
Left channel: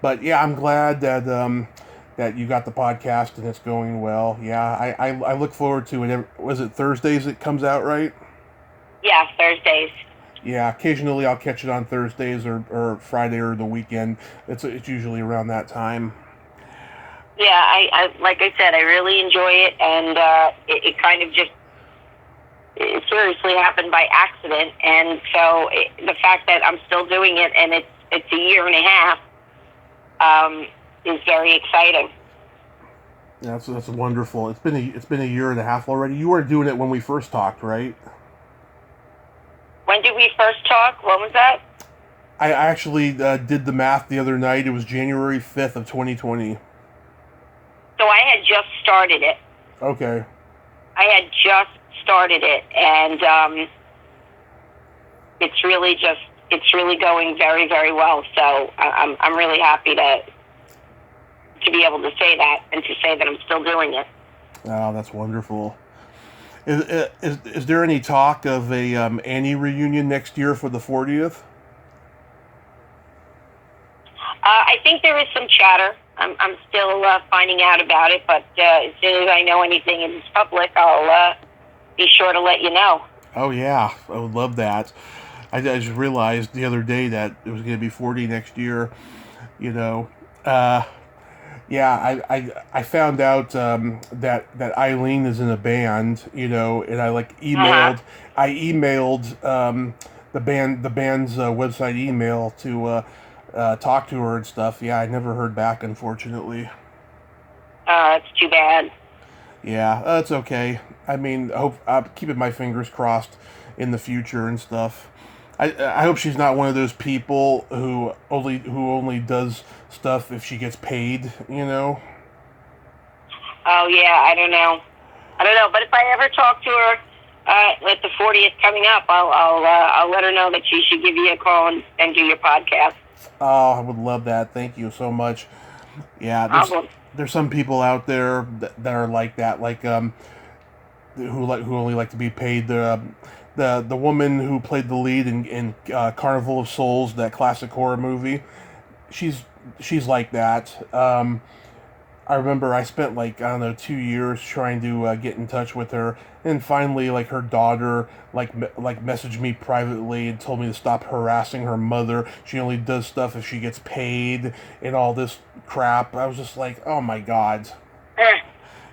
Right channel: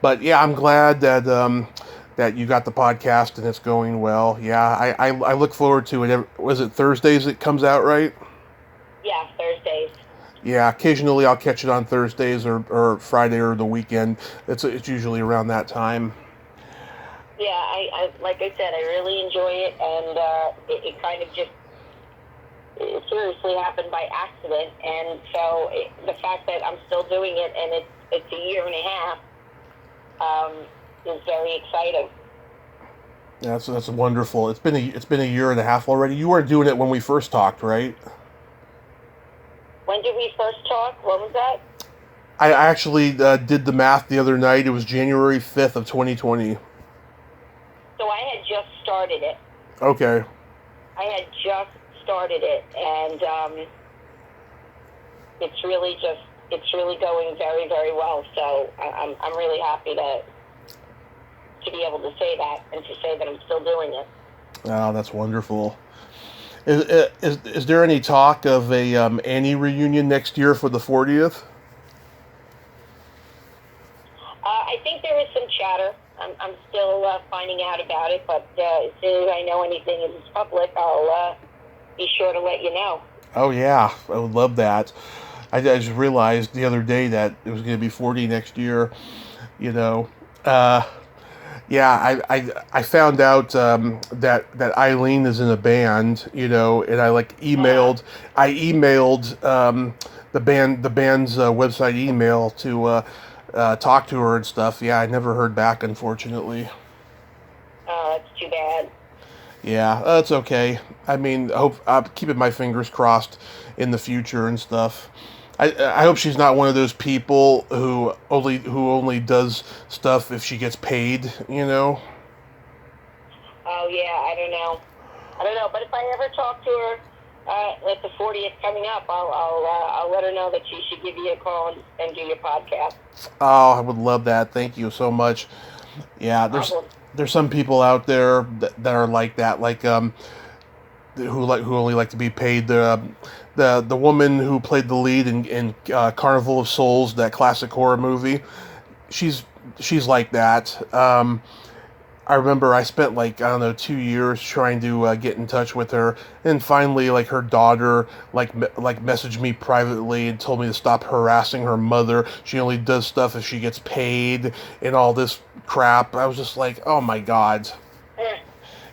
But yeah, I'm glad that that you got the podcast and it's going well. Yeah, I look forward to it. Was it Thursdays it comes out, right? Yeah, Thursdays. Yeah, occasionally I'll catch it on Thursdays or Friday or the weekend. It's usually around that time. Yeah, I like I said, I really enjoy it, and it kind of just it seriously happened by accident, and so the fact that I'm still doing it and it's a year and a half is very exciting. Yeah, that's wonderful. It's been a year and a half already. You weren't doing it when we first talked, right? When did we first talk? What was that? I actually did the math the other night. It was January 5th of 2020. So I had just started it. Okay. I had just started it, and it's really going very, very well. So I'm really happy to be able to say that and to say that I'm still doing it. Oh, that's wonderful. Is there any talk of a Annie reunion next year for the 40th? I think there is some chatter. I'm still finding out about it, but as soon as I know anything is public, I'll be sure to let you know. Oh yeah, I would love that. I just realized the other day that it was going to be 40 next year. Yeah, I found out that Eileen is in a band, and I emailed the band's website email to talk to her and stuff. Yeah, I never heard back, unfortunately. It's too bad. Yeah, that's okay. I mean, I'm keeping my fingers crossed in the future and stuff. I hope she's not one of those people who only does stuff if she gets paid, Oh yeah, I don't know, but if I ever talk to her at the 40th coming up, I'll let her know that she should give you a call and do your podcast. Oh, I would love that. Thank you so much. Yeah, there's some people out there that are like that, like who only like to be paid. The woman who played the lead in Carnival of Souls, that classic horror movie, she's like that. I remember I spent 2 years trying to get in touch with her, and finally her daughter messaged me privately and told me to stop harassing her mother. She only does stuff if she gets paid and all this crap. I was just like, oh my God.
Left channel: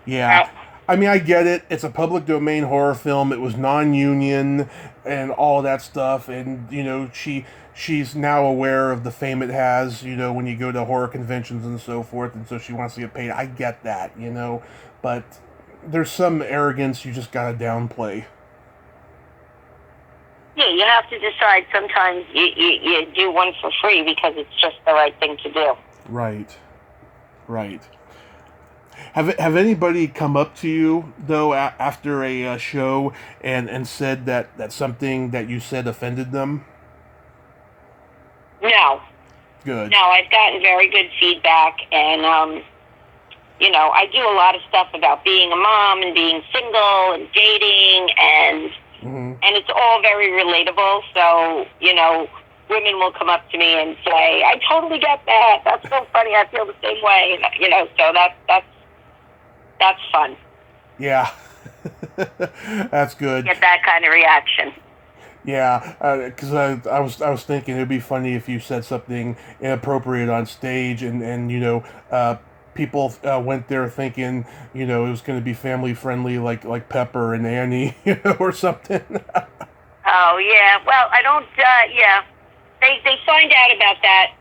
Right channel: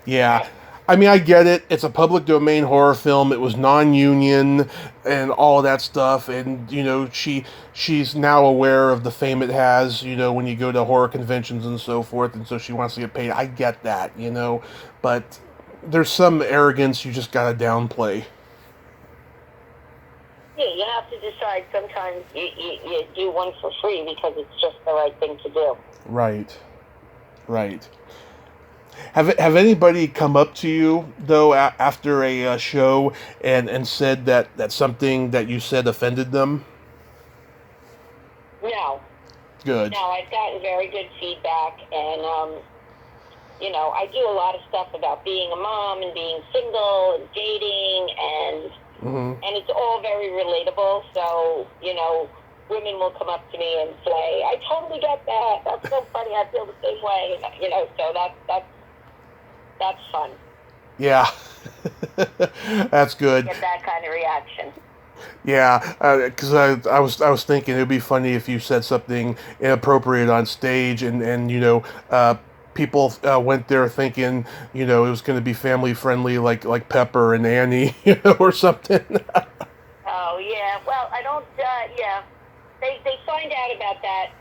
Yeah. I mean, I get it. It's a public domain horror film. It was non-union and all that stuff. And, she's now aware of the fame it has, when you go to horror conventions and so forth. And so she wants to get paid. I get that, But there's some arrogance you just got to downplay. Yeah, you have to decide sometimes you do one for free because it's just the right thing to do. Right. Have anybody come up to you though after a show and said that something that you said offended them? No. Good. No, I've gotten very good feedback, and I do a lot of stuff about being a mom and being single and dating, and it's all very relatable. So women will come up to me and say, "I totally get that. That's so funny. I feel the same way." So that's fun. Yeah. That's good. Get that kind of reaction. Yeah, because I was thinking it'd be funny if you said something inappropriate on stage, and people went there thinking it was going to be family friendly, like Pepper and Annie, or something. Oh yeah. Well, I don't. Yeah, they find out about that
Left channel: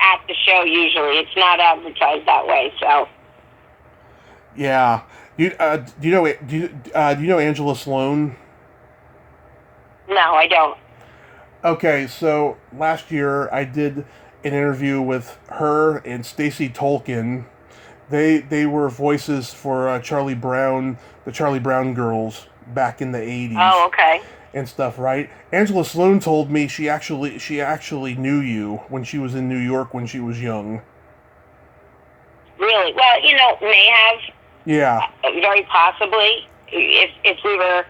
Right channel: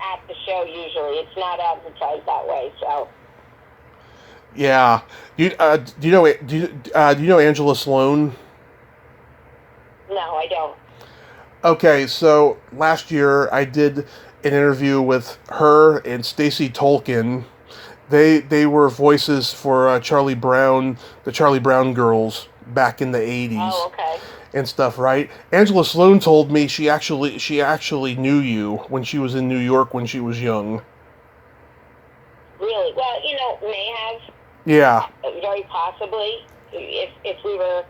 at the show. Usually, it's not advertised that way. So. Yeah. Do you know Angela Sloan? No, I don't. Okay, so last year I did an interview with her and Stacey Tolkien. They were voices for Charlie Brown, the Charlie Brown girls back in the 80s Oh, okay. and stuff, right? Angela Sloan told me she actually knew you when she was in New York when she was young. Really? Well, may have Yeah. very possibly if we were,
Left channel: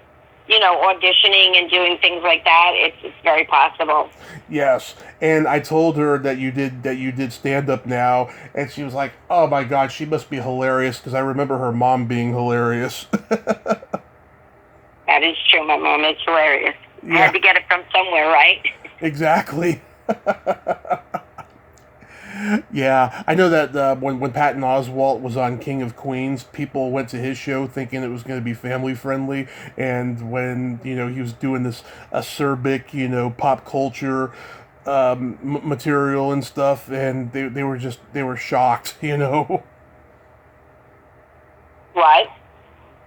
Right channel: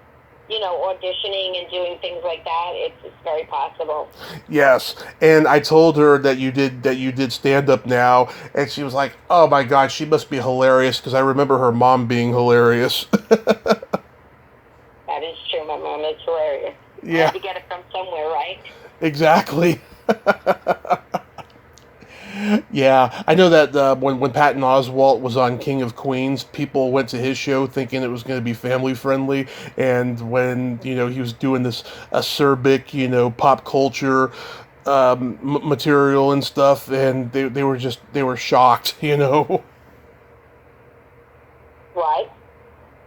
auditioning and doing things like that. It's very possible. Yes, and I told her that you did stand up now, and she was like, "Oh my God, she must be hilarious," because I remember her mom being hilarious. That is true. My mom is hilarious. I Yeah, had to get it from somewhere, right? exactly. Yeah, I know that when Patton Oswalt was on King of Queens, people went to his show thinking it was going to be family friendly, and when he was doing this acerbic pop culture material and stuff, and they were shocked, What?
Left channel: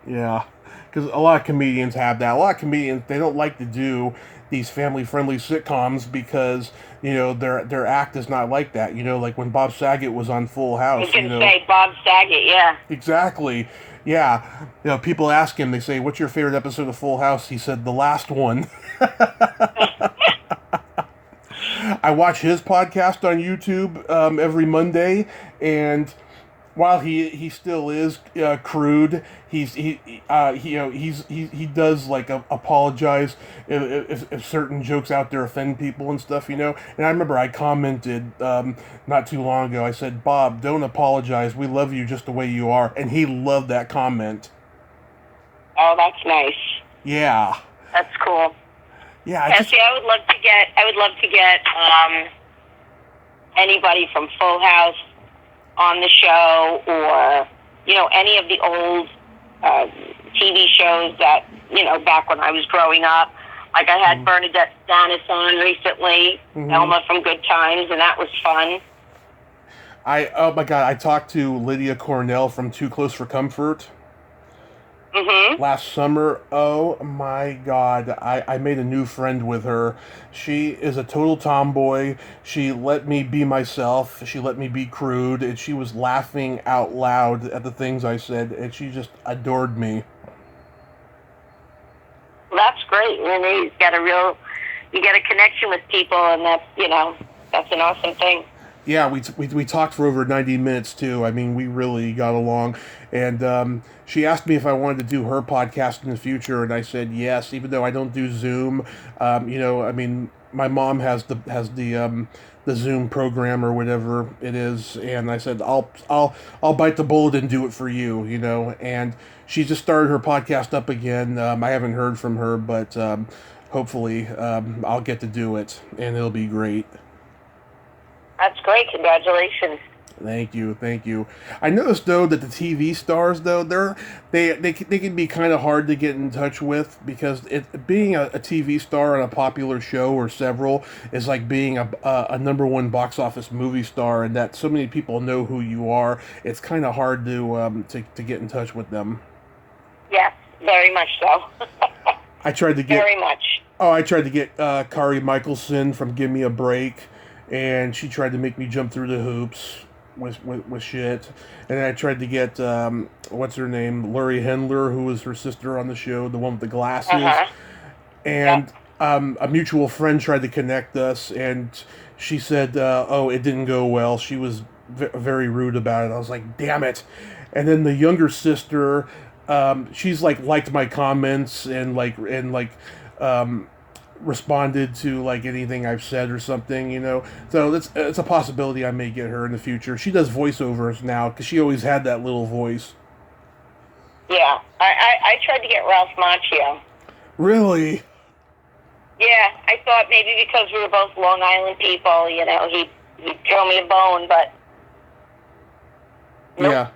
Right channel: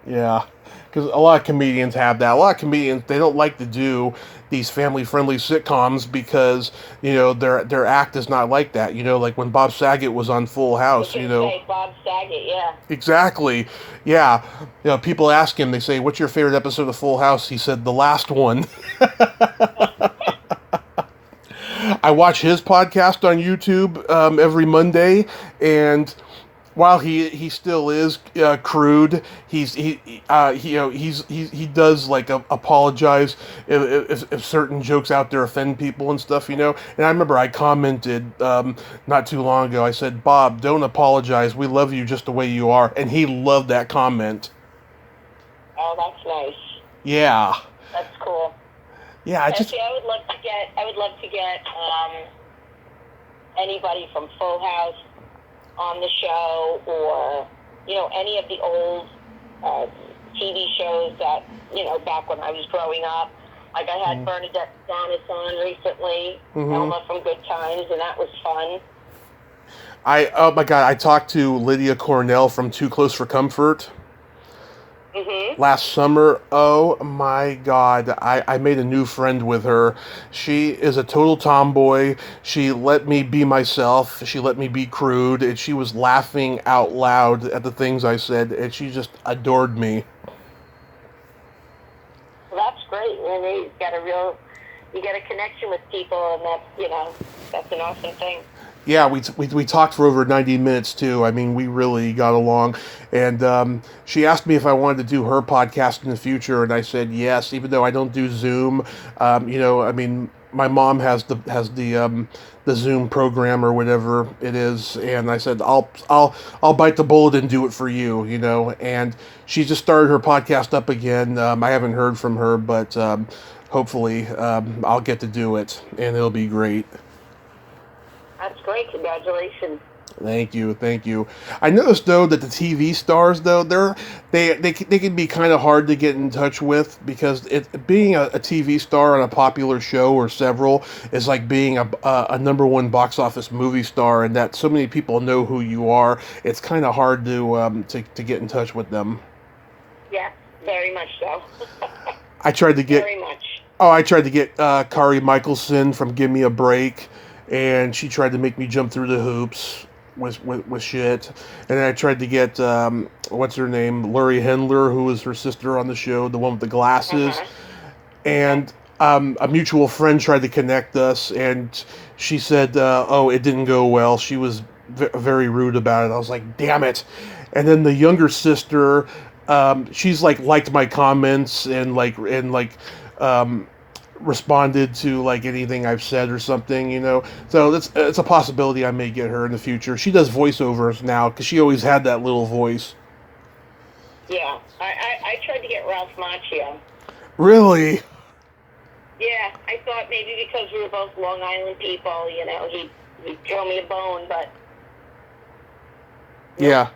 Yeah, because a lot of comedians have that. A lot of comedians, they don't like to do these family-friendly sitcoms because their act is not like that. Like when Bob Saget was on Full You House. could say Bob Saget, yeah. Exactly. Yeah. People ask him. They say, "What's your favorite episode of Full House?" He said, "The last one." I watch his podcast on YouTube every Monday, and while he still is crude, he does like apologize if certain jokes out there offend people and stuff. And I remember I commented not too long ago. I said, "Bob, don't apologize. We love you just the way you are," and he loved that comment. Oh, that's nice. Yeah, That's cool. yeah. I just See, I would love to get anybody from Full House on the show, or any of the old TV shows that back when I was growing up. Like I had Bernadette Stanis on recently, Elma from Good Times, and that was fun. Oh my God, I talked to Lydia Cornell from Too Close for Comfort last summer. Oh my God, I made a new friend with her. She is a total tomboy. She let me be myself. She let me be crude, and she was laughing out loud at the things I said, and she just adored me. That's great. You get a connection with people, and that's an awesome thing. Yeah, we talked for over 90 minutes too. I mean, we really got along. And she asked me if I wanted to do her podcast in the future, and I said yes, even though I don't do Zoom. I mean, my mom has the Zoom program or whatever it is, and I said I'll bite the bullet and do it for you. And she just started her podcast up again. I haven't heard from her, but hopefully I'll get to do it, and it'll be great. That's great. Congratulations. Thank you. I noticed though that the TV stars though they can be kind of hard to get in touch with, because being a TV star on a popular show or several is like being a number one box office movie star, and that so many people know who you are. It's kind of hard to get in touch with them. Yeah, very much so. I tried to get very much. Oh, I tried to get Kari Michelson from Give Me a Break, and she tried to make me jump through the hoops with shit. And then I tried to get what's her name, Laurie Hendler, who was her sister on the show, the one with the glasses. And a mutual friend tried to connect us, and she said, "Oh, it didn't go well." She was very rude about it. I was like, "Damn it!" And then the younger sister, she's liked my comments and responded to like anything I've said or something, So it's a possibility I may get her in the future. She does voiceovers now because she always had that little voice. Yeah, I tried to get Ralph Macchio. Really? Yeah, I thought maybe because we were both Long Island people, he'd throw me a bone, but nope. Yeah.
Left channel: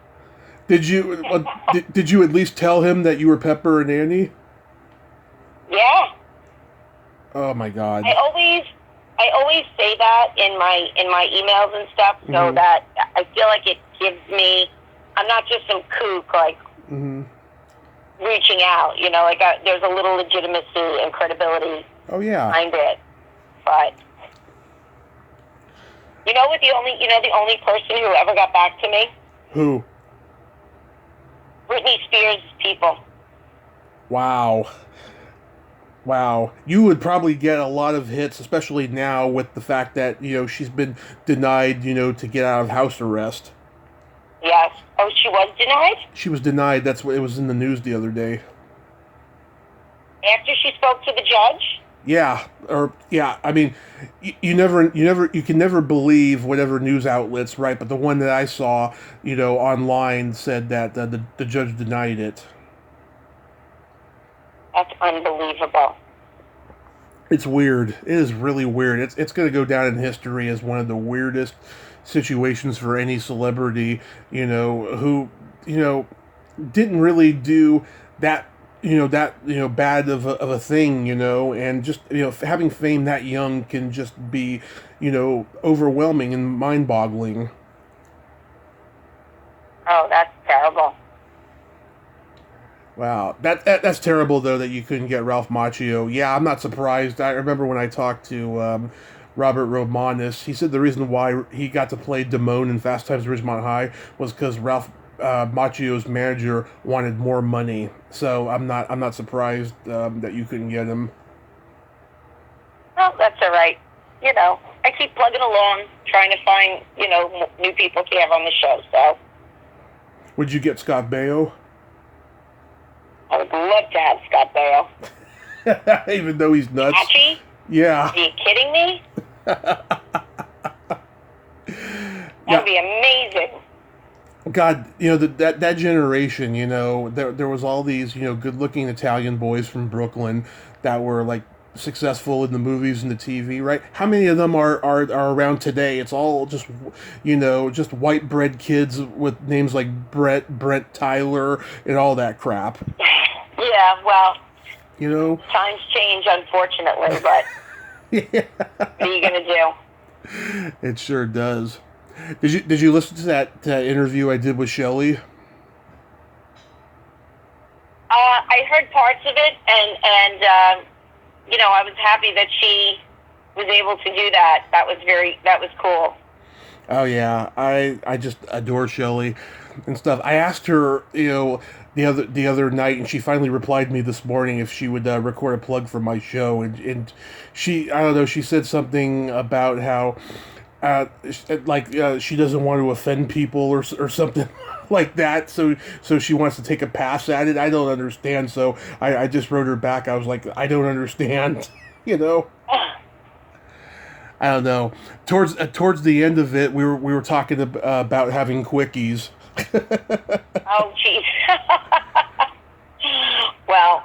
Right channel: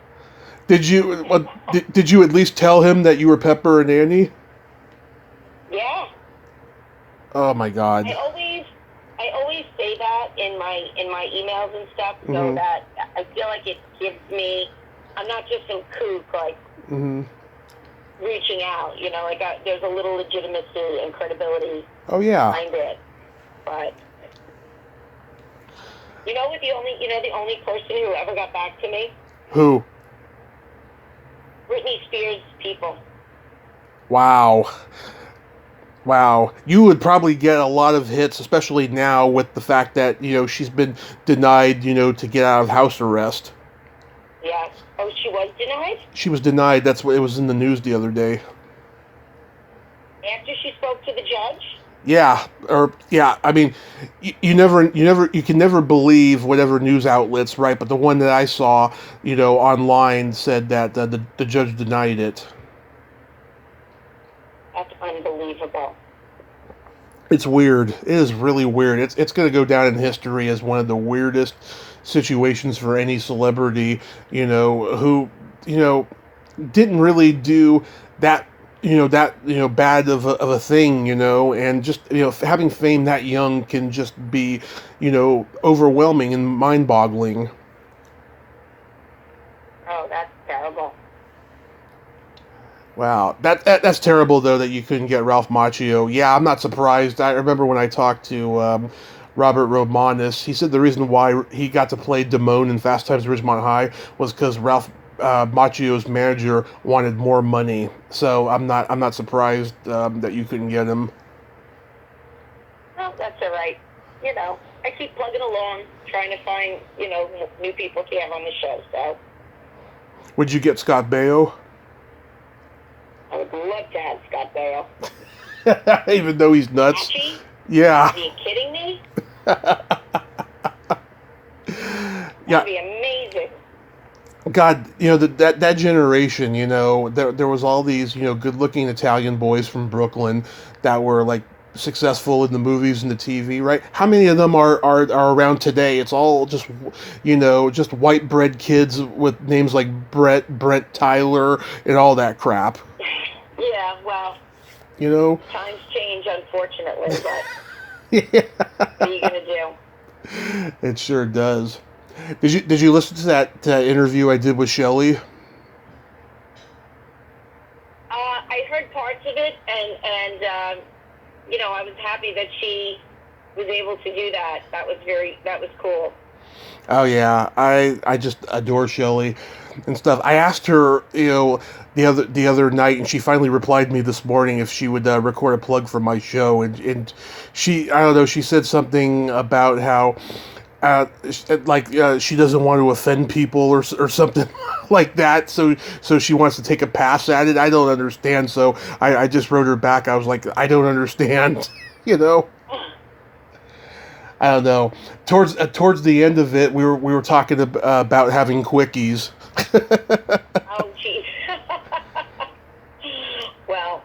Did you at least tell him that you were Pepper and Annie? Yeah. Oh my God. I always say that in my emails and stuff, so that I feel like it gives me. I'm not just some kook like reaching out. There's a little legitimacy and credibility. Oh yeah. Behind it, but the only person who ever got back to me. Who? Britney Spears people. Wow. You would probably get a lot of hits, especially now with the fact that, she's been denied, to get out of house arrest. Yes. Oh, she was denied? She was denied. That's what it was in the news the other day. After she spoke to the judge? Yeah. I mean, you can never believe whatever news outlets, right? But the one that I saw, online said that the judge denied it. That's unbelievable. It's weird. It is really weird. It's going to go down in history as one of the weirdest situations for any celebrity, who, didn't really do that, bad of a thing, and just, having fame that young can just be, overwhelming and mind-boggling. Oh, that's terrible. Wow, that's terrible though that you couldn't get Ralph Macchio. Yeah, I'm not surprised. I remember when I talked to Robert Romanus, he said the reason why he got to play Damone in Fast Times at Ridgemont High was because Ralph Macchio's manager wanted more money. So I'm not surprised that you couldn't get him. Well, that's all right. I keep plugging along, trying to find new people to have on the show. So. Would you get Scott Baio? I would love to have Scott Baio. Even though he's nuts. Patchy? Yeah. Are you kidding me? Yeah. That'd be amazing. God, that generation, there was all these, good-looking Italian boys from Brooklyn that were like successful in the movies and the TV, right? How many of them are around today? It's all just, just white bread kids with names like Brent Tyler, and all that crap. Yeah, well, times change, unfortunately, but yeah. what are you gonna do? It sure does. Did you listen to that interview I did with Shelley? I heard parts of it, and I was happy that she was able to do that. That was cool. Oh yeah, I just adore Shelley and stuff. I asked her, the other night, and she finally replied me this morning if she would record a plug for my show, and she, I don't know, she said something about how she doesn't want to offend people or something like that, so she wants to take a pass at it. I don't understand, so I just wrote her back. I was like, I don't understand, I don't know. Towards the end of it, we were talking about having quickies. Oh, jeez. Well,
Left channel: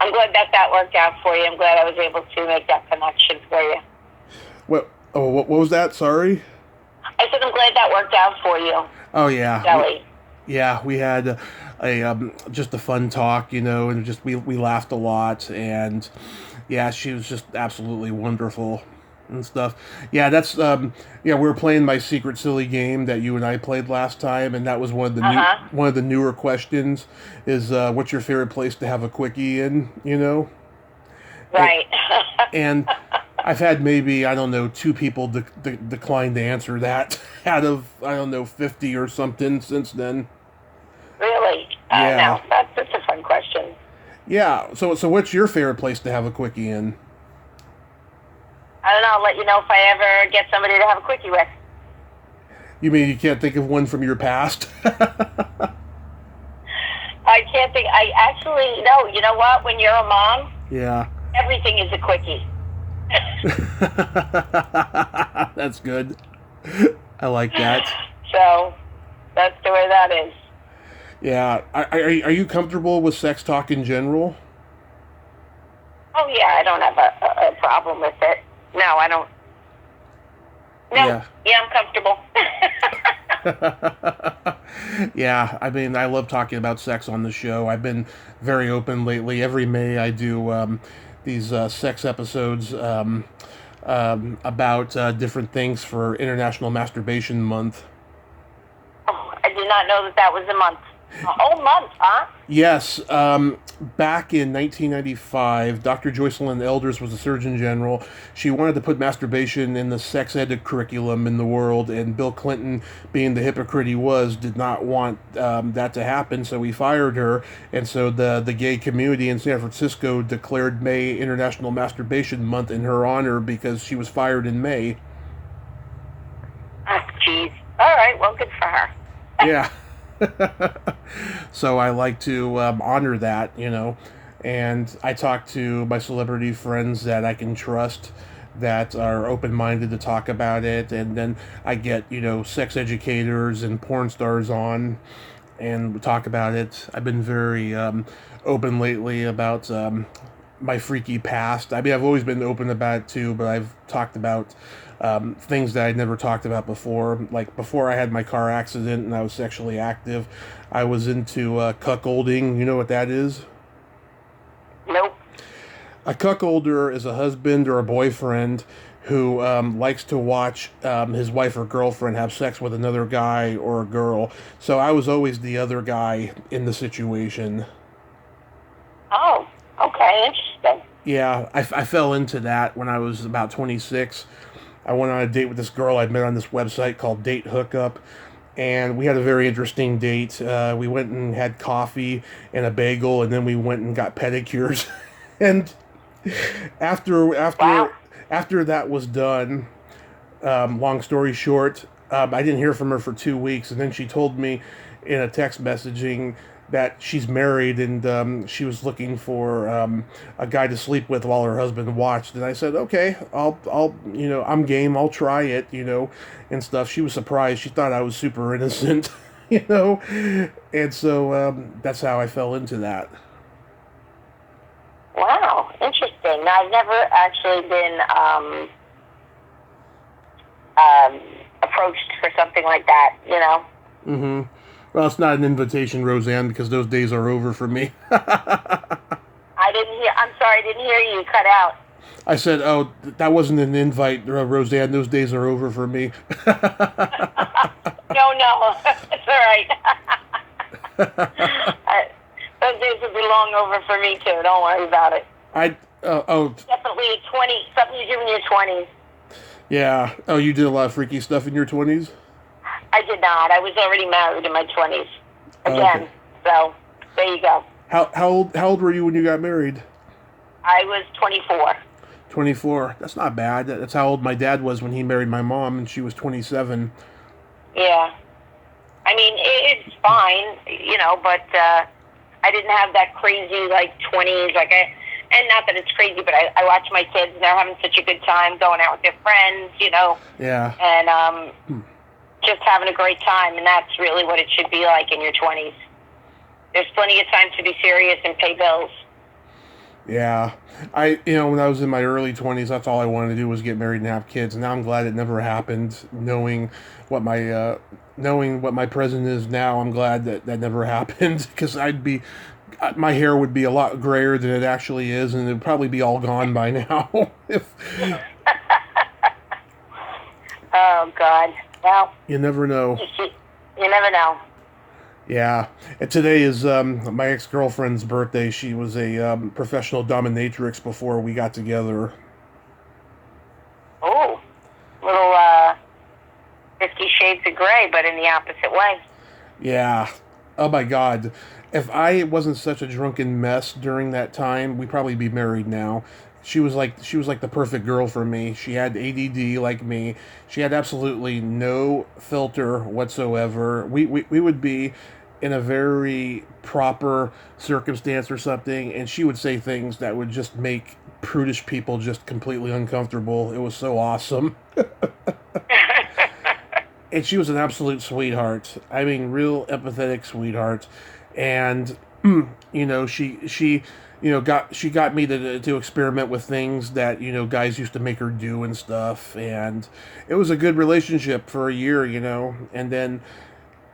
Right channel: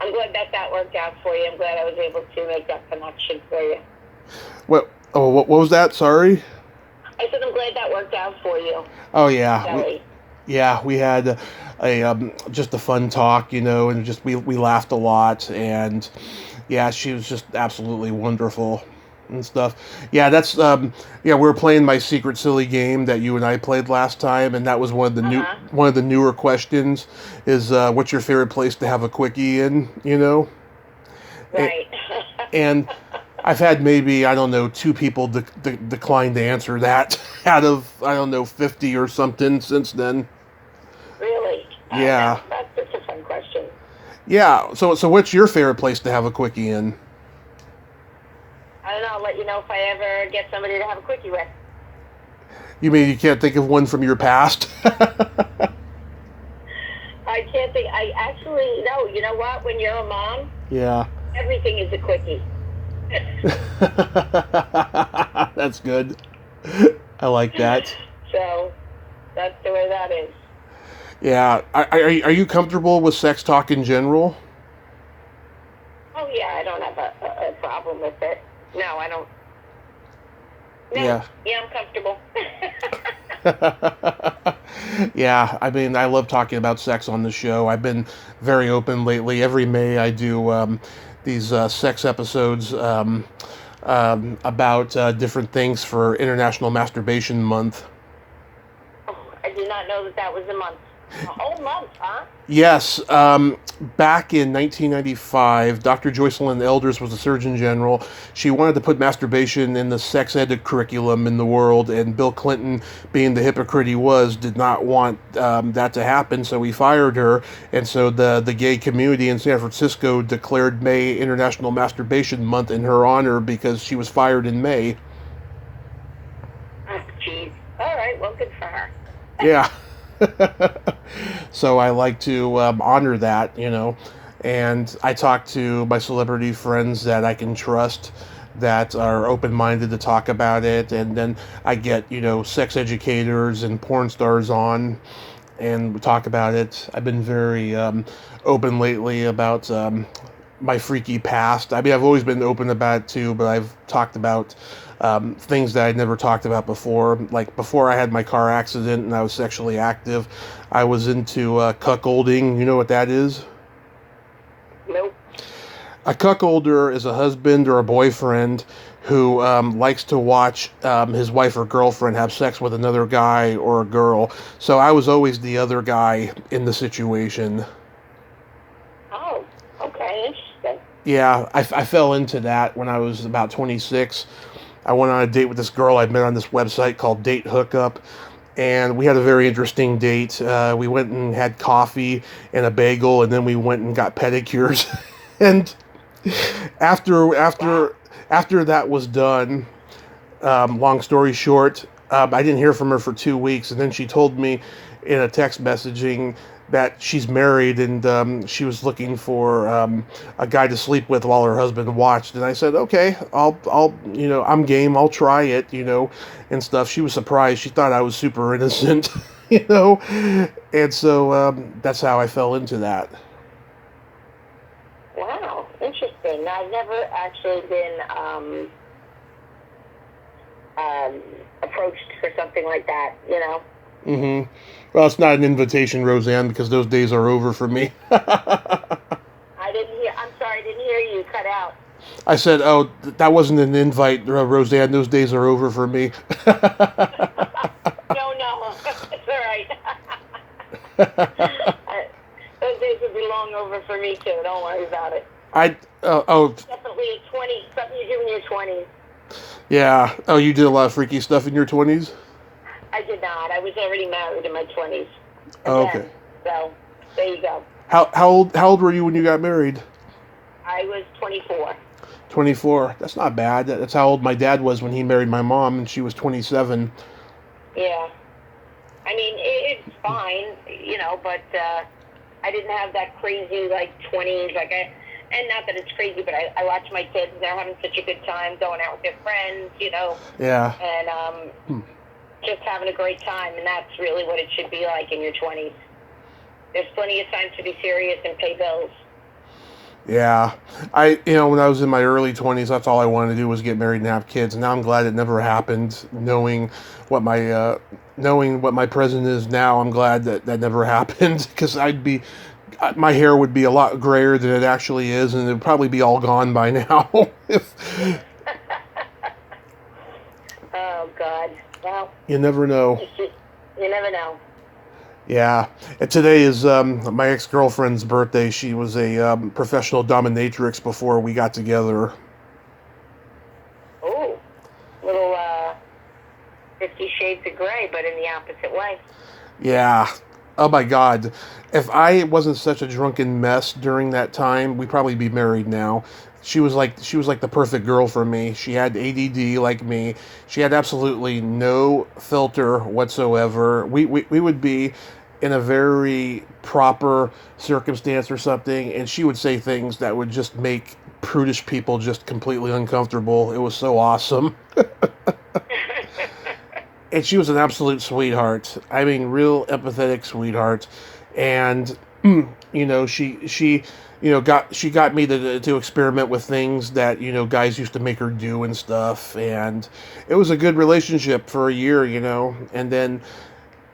I'm glad that worked out for you. I'm glad I was able to make that connection for you. What was that? Sorry? I said I'm glad that worked out for you. Oh, yeah. Kelly. We had just a fun talk, and just we laughed a lot, and yeah, she was just absolutely wonderful and stuff. Yeah, that's we were playing my secret silly game that you and I played last time, and that was one of the newer questions is what's your favorite place to have a quickie in, Right. and I've had maybe, I don't know, 2 people decline to answer that out of, I don't know, 50 or something since then. Really? Yeah. That's a fun question. Yeah. So what's your favorite place to have a quickie in? I don't know. I'll let you know if I ever get somebody to have a quickie with. You mean you can't think of one from your past? I can't think. I actually, no. You know what? When you're a mom, yeah, everything is a quickie. That's good. I like that. So that's the way that is. Yeah. Are you comfortable with sex talk in general? Oh yeah, I don't have a problem with it. No, I don't. No, yeah, I'm comfortable. Yeah, I mean, I love talking about sex on the show. I've been very open lately. Every May, I do these sex episodes about different things for International Masturbation Month. Oh, I did not know that was a month. A whole month, huh? Yes. Back in 1995, Dr. Joycelyn Elders was the Surgeon General. She wanted to put masturbation in the sex ed curriculum in the world, and Bill Clinton, being the hypocrite he was, did not want that to happen, so he fired her. And so the gay community in San Francisco declared May International Masturbation Month in her honor because she was fired in May. Oh, jeez. All right, well, good for her. Yeah. So I like to honor that, and I talk to my celebrity friends that I can trust, that are open-minded to talk about it, and then I get, sex educators and porn stars on, and we talk about it. I've been very open lately about my freaky past. I mean, I've always been open about it too, but I've talked about things that I'd never talked about before. Like before I had my car accident and I was sexually active, I was into cuckolding. You know what that is? Nope. A cuckolder is a husband or a boyfriend who likes to watch his wife or girlfriend have sex with another guy or a girl. So I was always the other guy in the situation. Oh, okay, interesting. Yeah, I fell into that when I was about 26. I went on a date with this girl I'd met on this website called Date Hookup, and we had a very interesting date. We went and had coffee and a bagel, and then we went and got pedicures. And after that was done, long story short, I didn't hear from her for 2 weeks, and then she told me in a text messaging that she's married and she was looking for a guy to sleep with while her husband watched. And I said, okay, I'll I'm game. I'll try it, and stuff. She was surprised. She thought I was super innocent, and so that's how I fell into that. Wow, interesting. I've never actually been approached for something like that, Mm-hmm. Well, it's not an invitation, Roseanne, because those days are over for me. I'm sorry, I didn't hear you. Cut out. I said, that wasn't an invite, Roseanne. Those days are over for me. No, that's all right. Those days will be long over for me, too. Don't worry about it. Definitely 20, something you do in your 20s. Yeah. Oh, you did a lot of freaky stuff in your 20s? I did not. I was already married in my 20s. Oh, okay. So, there you go. How old were you when you got married? I was 24. 24. That's not bad. That's how old my dad was when he married my mom, and she was 27. Yeah. I mean, it's fine, but I didn't have that crazy, 20s, and not that it's crazy, but I watch my kids, and they're having such a good time going out with their friends, Yeah. And, just having a great time, and that's really what it should be like in your 20s. There's plenty of time to be serious and pay bills. Yeah. When I was in my early 20s, that's all I wanted to do was get married and have kids. And now I'm glad it never happened. Knowing what my present is now, I'm glad that never happened, because my hair would be a lot grayer than it actually is, and it would probably be all gone by now. Oh, God. Well, you never know. You never know. Yeah. And today is my ex-girlfriend's birthday. She was a professional dominatrix before we got together. Oh, little 50 Shades of Grey, but in the opposite way. Yeah. Oh my God. If I wasn't such a drunken mess during that time, we'd probably be married now. She was like the perfect girl for me. She had ADD like me. She had absolutely no filter whatsoever. We would be in a very proper circumstance or something, and she would say things that would just make prudish people just completely uncomfortable. It was so awesome. And she was an absolute sweetheart. I mean, real empathetic sweetheart. And You know, she got me to experiment with things that, guys used to make her do and stuff, and it was a good relationship for a year, and then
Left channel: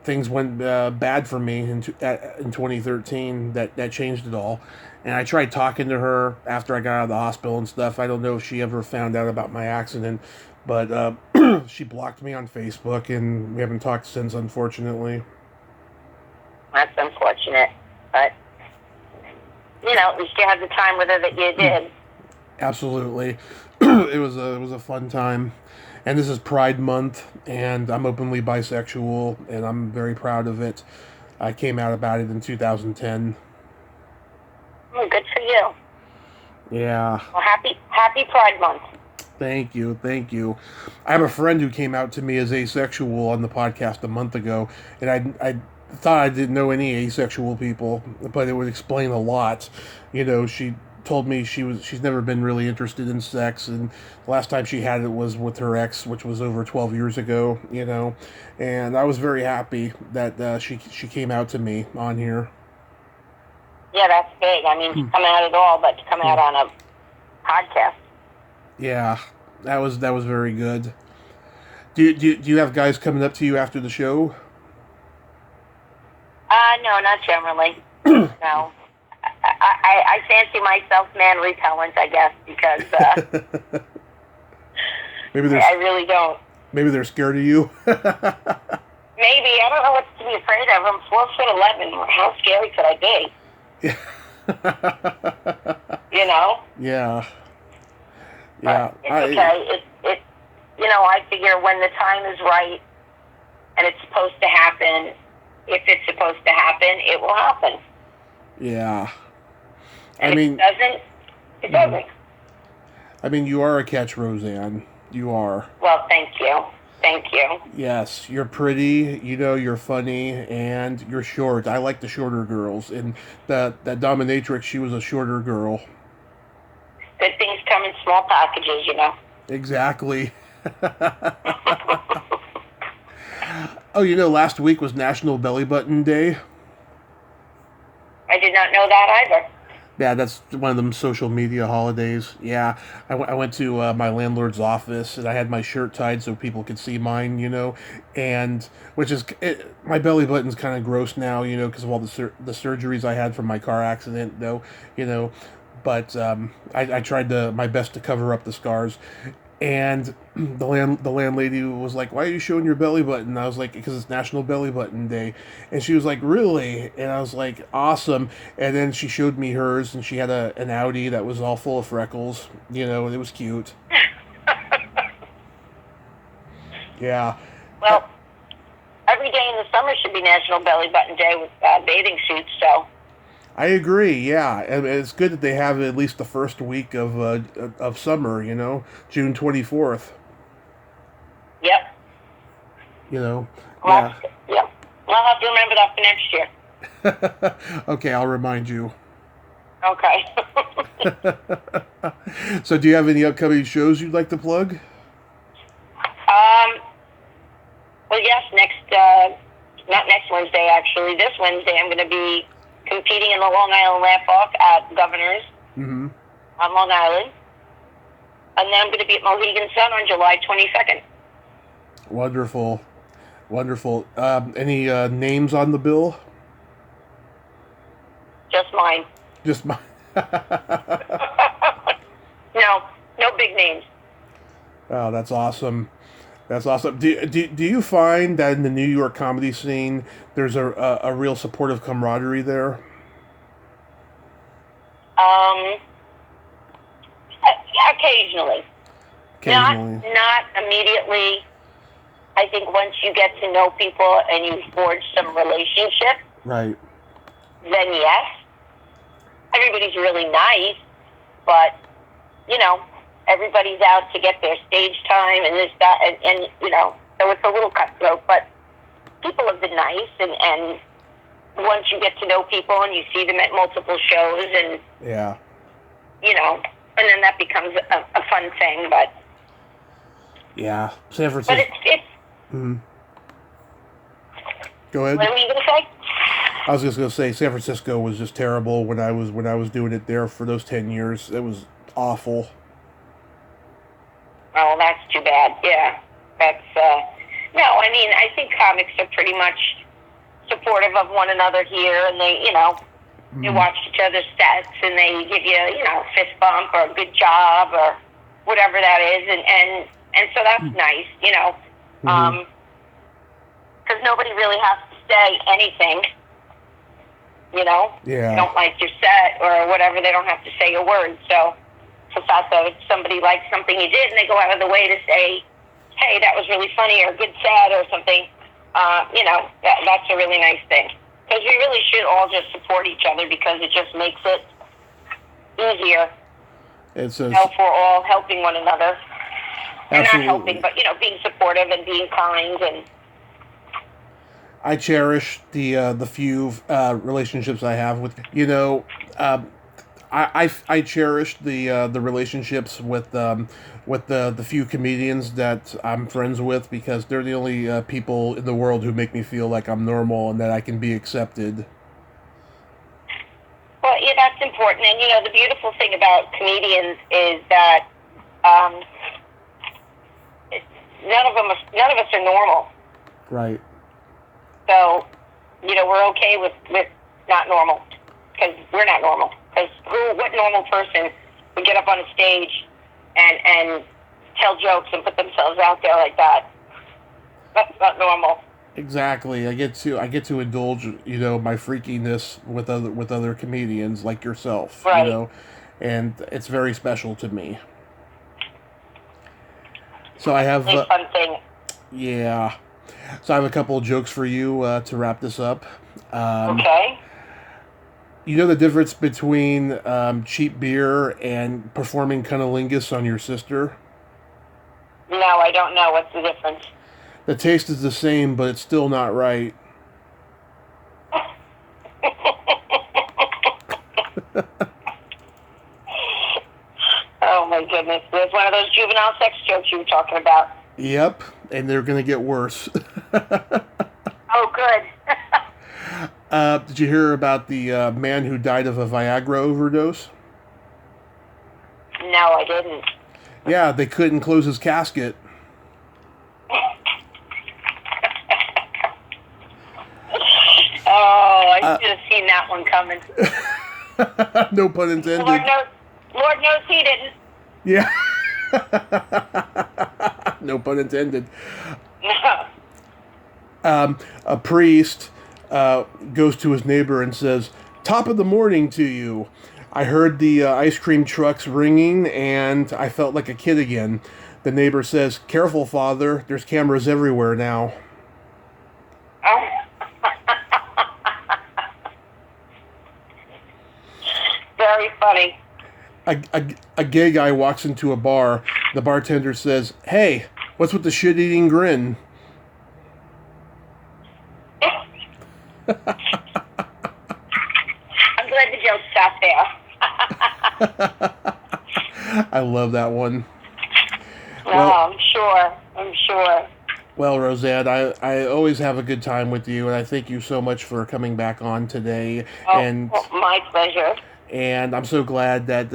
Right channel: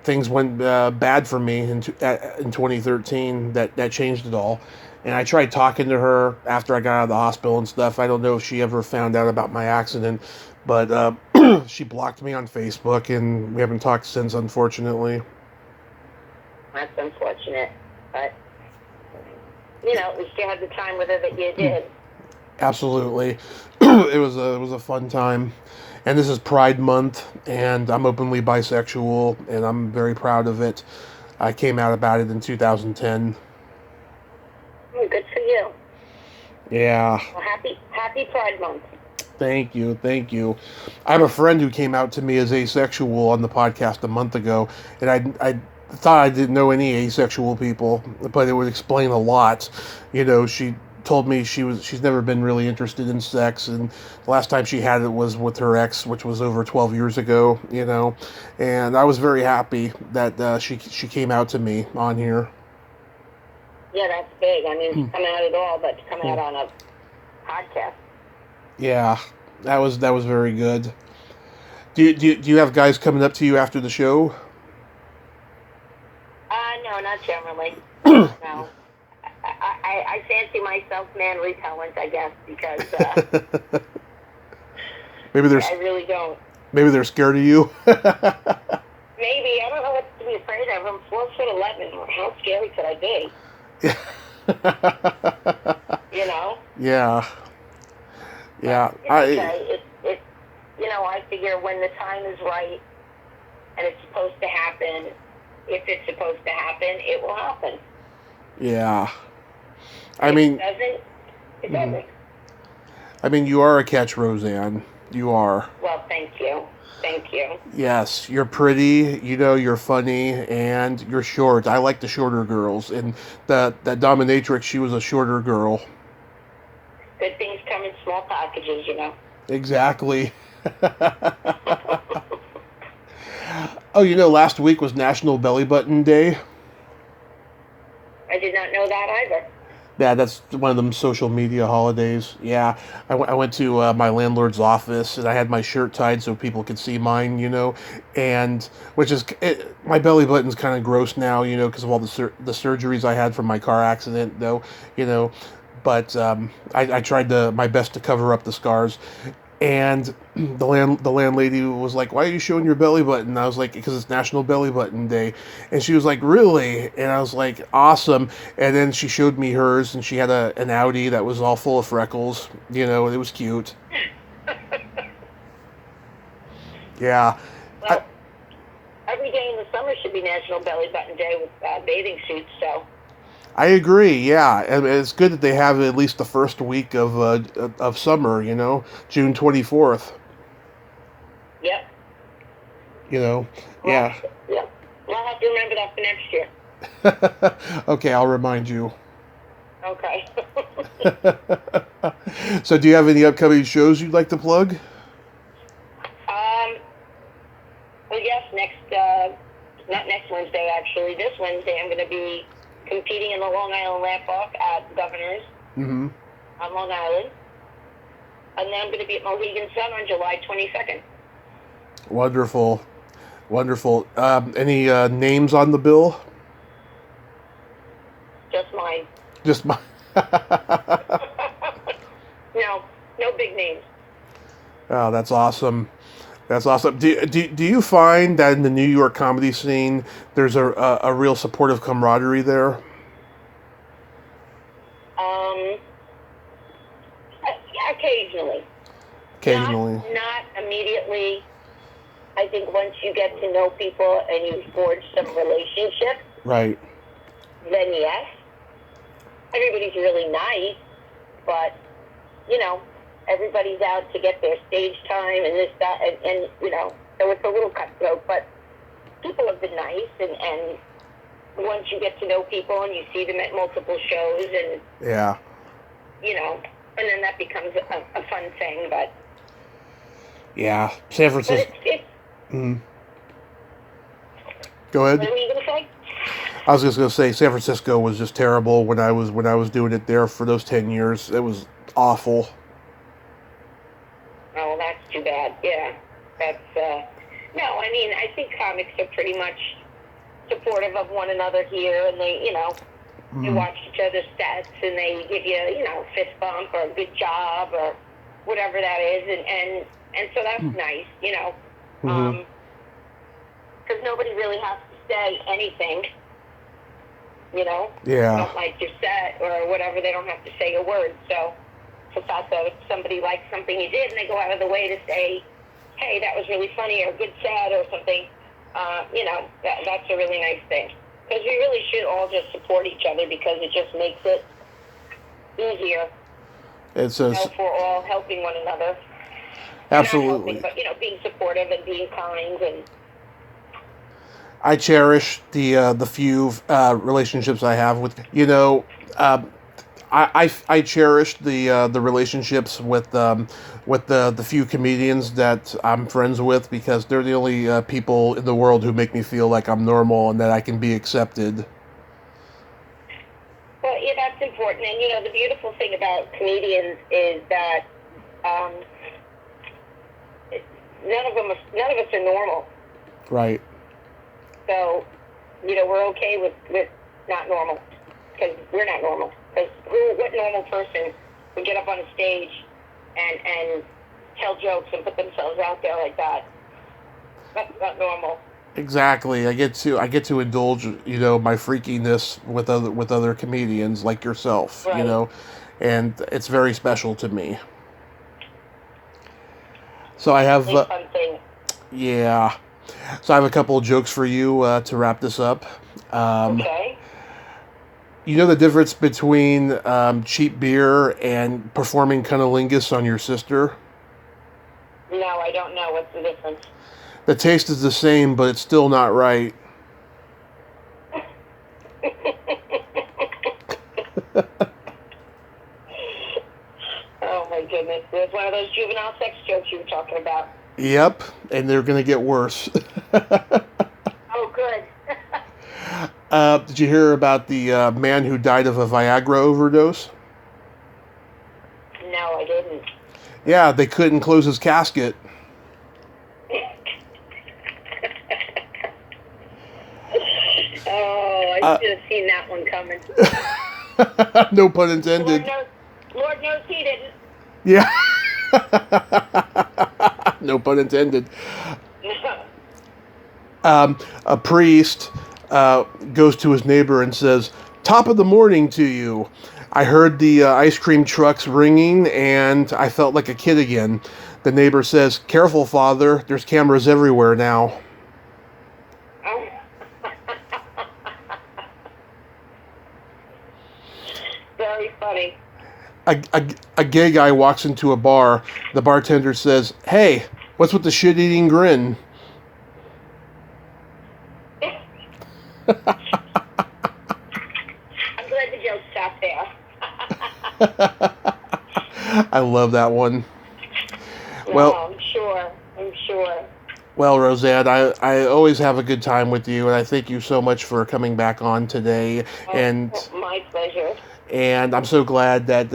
things went bad for me in 2013. That changed it all. And I tried talking to her after I got out of the hospital and stuff. I don't know if she ever found out about my accident, but she blocked me on Facebook, and we haven't talked since, unfortunately. That's unfortunate, but at least you had the time with her that you did. Absolutely, it was a fun time, and this is Pride Month, and I'm openly bisexual, and I'm very proud of it. I came out about it in 2010. Oh, good for you. Yeah. Well, happy Pride Month. Thank you, thank you. I have a friend who came out to me as asexual on the podcast a month ago, and I thought I didn't know any asexual people, but it would explain a lot. She told me she's never been really interested in sex, and the last time she had it was with her ex, which was over 12 years ago. And I was very happy that she came out to me on here. Yeah, that's big. I mean, come out at all, but to come out on a podcast. Yeah, that was very good. Do you have guys coming up to you after the show? No, not generally. No. I fancy myself man repellent, I guess, because I really don't. Maybe they're scared of you. Maybe. I don't know what to be afraid of. I'm 4'11". How scary could I be? Yeah. Yeah. I figure when the time is right and it's supposed to happen, if it's supposed to happen, it will happen. Yeah. It doesn't. I mean, you are a catch, Rosanne. You are. Well, thank you. Thank you. Yes, you're pretty, you're funny, and you're short. I like the shorter girls. And that dominatrix, she was a shorter girl. Good things come in small packages, Exactly. Oh, last week was National Belly Button Day. I did not know that either. Yeah, that's one of them social media holidays. Yeah, I went to my landlord's office, and I had my shirt tied so people could see mine, and my belly button's kind of gross now, because of all the surgeries I had from my car accident, though, but I tried my best to cover up the scars. And the landlady was like, "Why are you showing your belly button?" And I was like, "Because it's National Belly Button Day." And she was like, "Really?" And I was like, "Awesome." And then she showed me hers, and she had an Audi that was all full of freckles. It was cute. Yeah. Well, every day in the summer should be National Belly Button Day with bathing suits, so. I agree. Yeah, and it's good that they have at least the first week of summer. June 24th. Yep. Yeah. Yep. I'll have to remember that for next year. Okay, I'll remind you. Okay. So, do you have any upcoming shows you'd like to plug? Well, yes. Not next Wednesday. Actually, this Wednesday, I'm going to be competing in the Long Island Laugh Off at Governor's on Long Island. And then I'm going to be at Mohegan Sun on July 22nd. Wonderful. Any names on the bill? Just mine. Just mine. No big names. Oh, that's awesome. Do you find that in the New York comedy scene, there's a real supportive camaraderie there? Occasionally. Not immediately. I think once you get to know people and you forge some relationship, right? Then yes. Everybody's really nice, but everybody's out to get their stage time and this, that, and so it's a little cutthroat, but people have been nice, and once you get to know people and you see them at multiple shows, and yeah, and then that becomes a fun thing, but yeah, San Francisco. But it's Go ahead. What were you going to say? I was just going to say San Francisco was just terrible when I was doing it there for those 10 years. It was awful. Oh, that's too bad. Yeah, that's no. I mean, I think comics are pretty much supportive of one another here, and they, they watch each other's sets, and they give you, a fist bump or a good job or whatever that is, and so that's nice, because nobody really has to say anything. Yeah. Don't like your set or whatever. They don't have to say a word. So the fact that if somebody likes something you did and they go out of the way to say, hey, that was really funny or good set or something, that's a really nice thing. Because we really should all just support each other because it just makes it easier. It's if we're all helping one another. Absolutely. Not helping, but, being supportive and being kind and... I cherish the few relationships I have with I cherish the relationships with the few comedians that I'm friends with because they're the only people in the world who make me feel like I'm normal and that I can be accepted. Well, yeah, that's important. And the beautiful thing about comedians is that none of us are normal. Right. So, we're okay with not normal, because we're not normal. Because what normal person would get up on a stage and tell jokes and put themselves out there like that? That's not normal. Exactly. I get to indulge, my freakiness with other comedians like yourself, right. And it's very special to me. So I have fun thing. Yeah. So I have a couple of jokes for you to wrap this up. Okay. You know the difference between cheap beer and performing cunnilingus on your sister? No, I don't know. What's the difference? The taste is the same, but it's still not right. Oh, my goodness. There's one of those juvenile sex jokes you were talking about. Yep, and they're going to get worse. Oh, good. Did you hear about the man who died of a Viagra overdose? No, I didn't. Yeah, they couldn't close his casket. Oh, I should have seen that one coming. No pun intended. Lord knows he didn't. Yeah. No pun intended. A priest goes to his neighbor and says, "Top of the morning to you. I heard the ice cream trucks ringing and I felt like a kid again." The neighbor says, "Careful, Father. There's cameras everywhere now." Very funny. A gay guy walks into a bar. The bartender says, "Hey, what's with the shit-eating grin?" I'm glad the joke stopped there. I love that one. Well, I'm sure. Well, Rosanne, I always have a good time with you, and I thank you so much for coming back on today. My pleasure. And I'm so glad that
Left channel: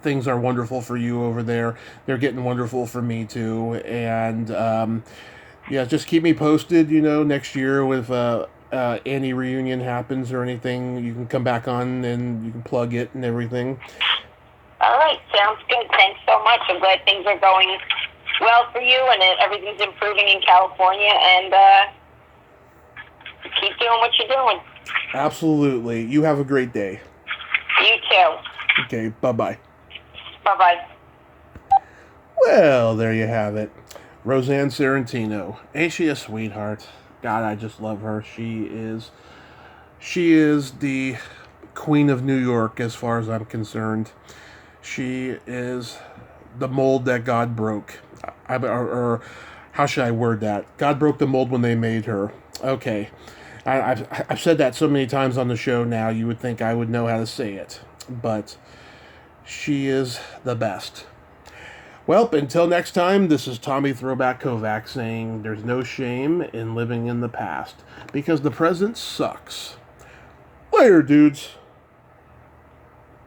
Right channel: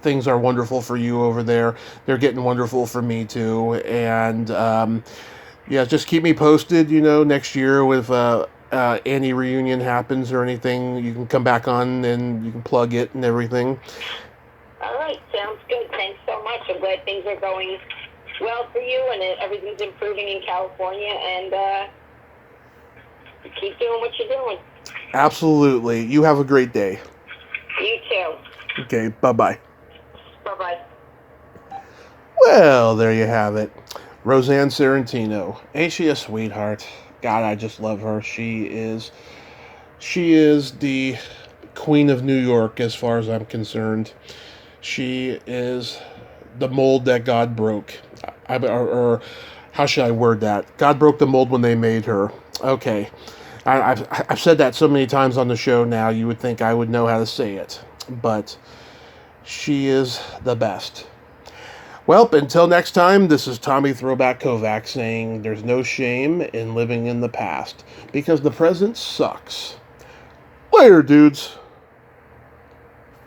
things are wonderful for you over there. They're getting wonderful for me too. And yeah, just keep me posted. Next year if Annie reunion happens or anything, you can come back on and you can plug it and everything. All right, sounds good. Thanks so much. I'm glad things are going well for you and everything's improving in California. And keep doing what you're doing. Absolutely. You have a great day. You too. Okay, bye-bye. Bye-bye. Well, there you have it. Rosanne Sorrentino. Ain't she a sweetheart? God, I just love her. She is the Queen of New York as far as I'm concerned. She is the mold that God broke. Or how should I word that? God broke the mold when they made her. Okay. I've said that so many times on the show now, you would think I would know how to say it. But she is the best. Well, until next time, this is Tommy Throwback Kovac saying there's no shame in living in the past because the present sucks. Later, dudes.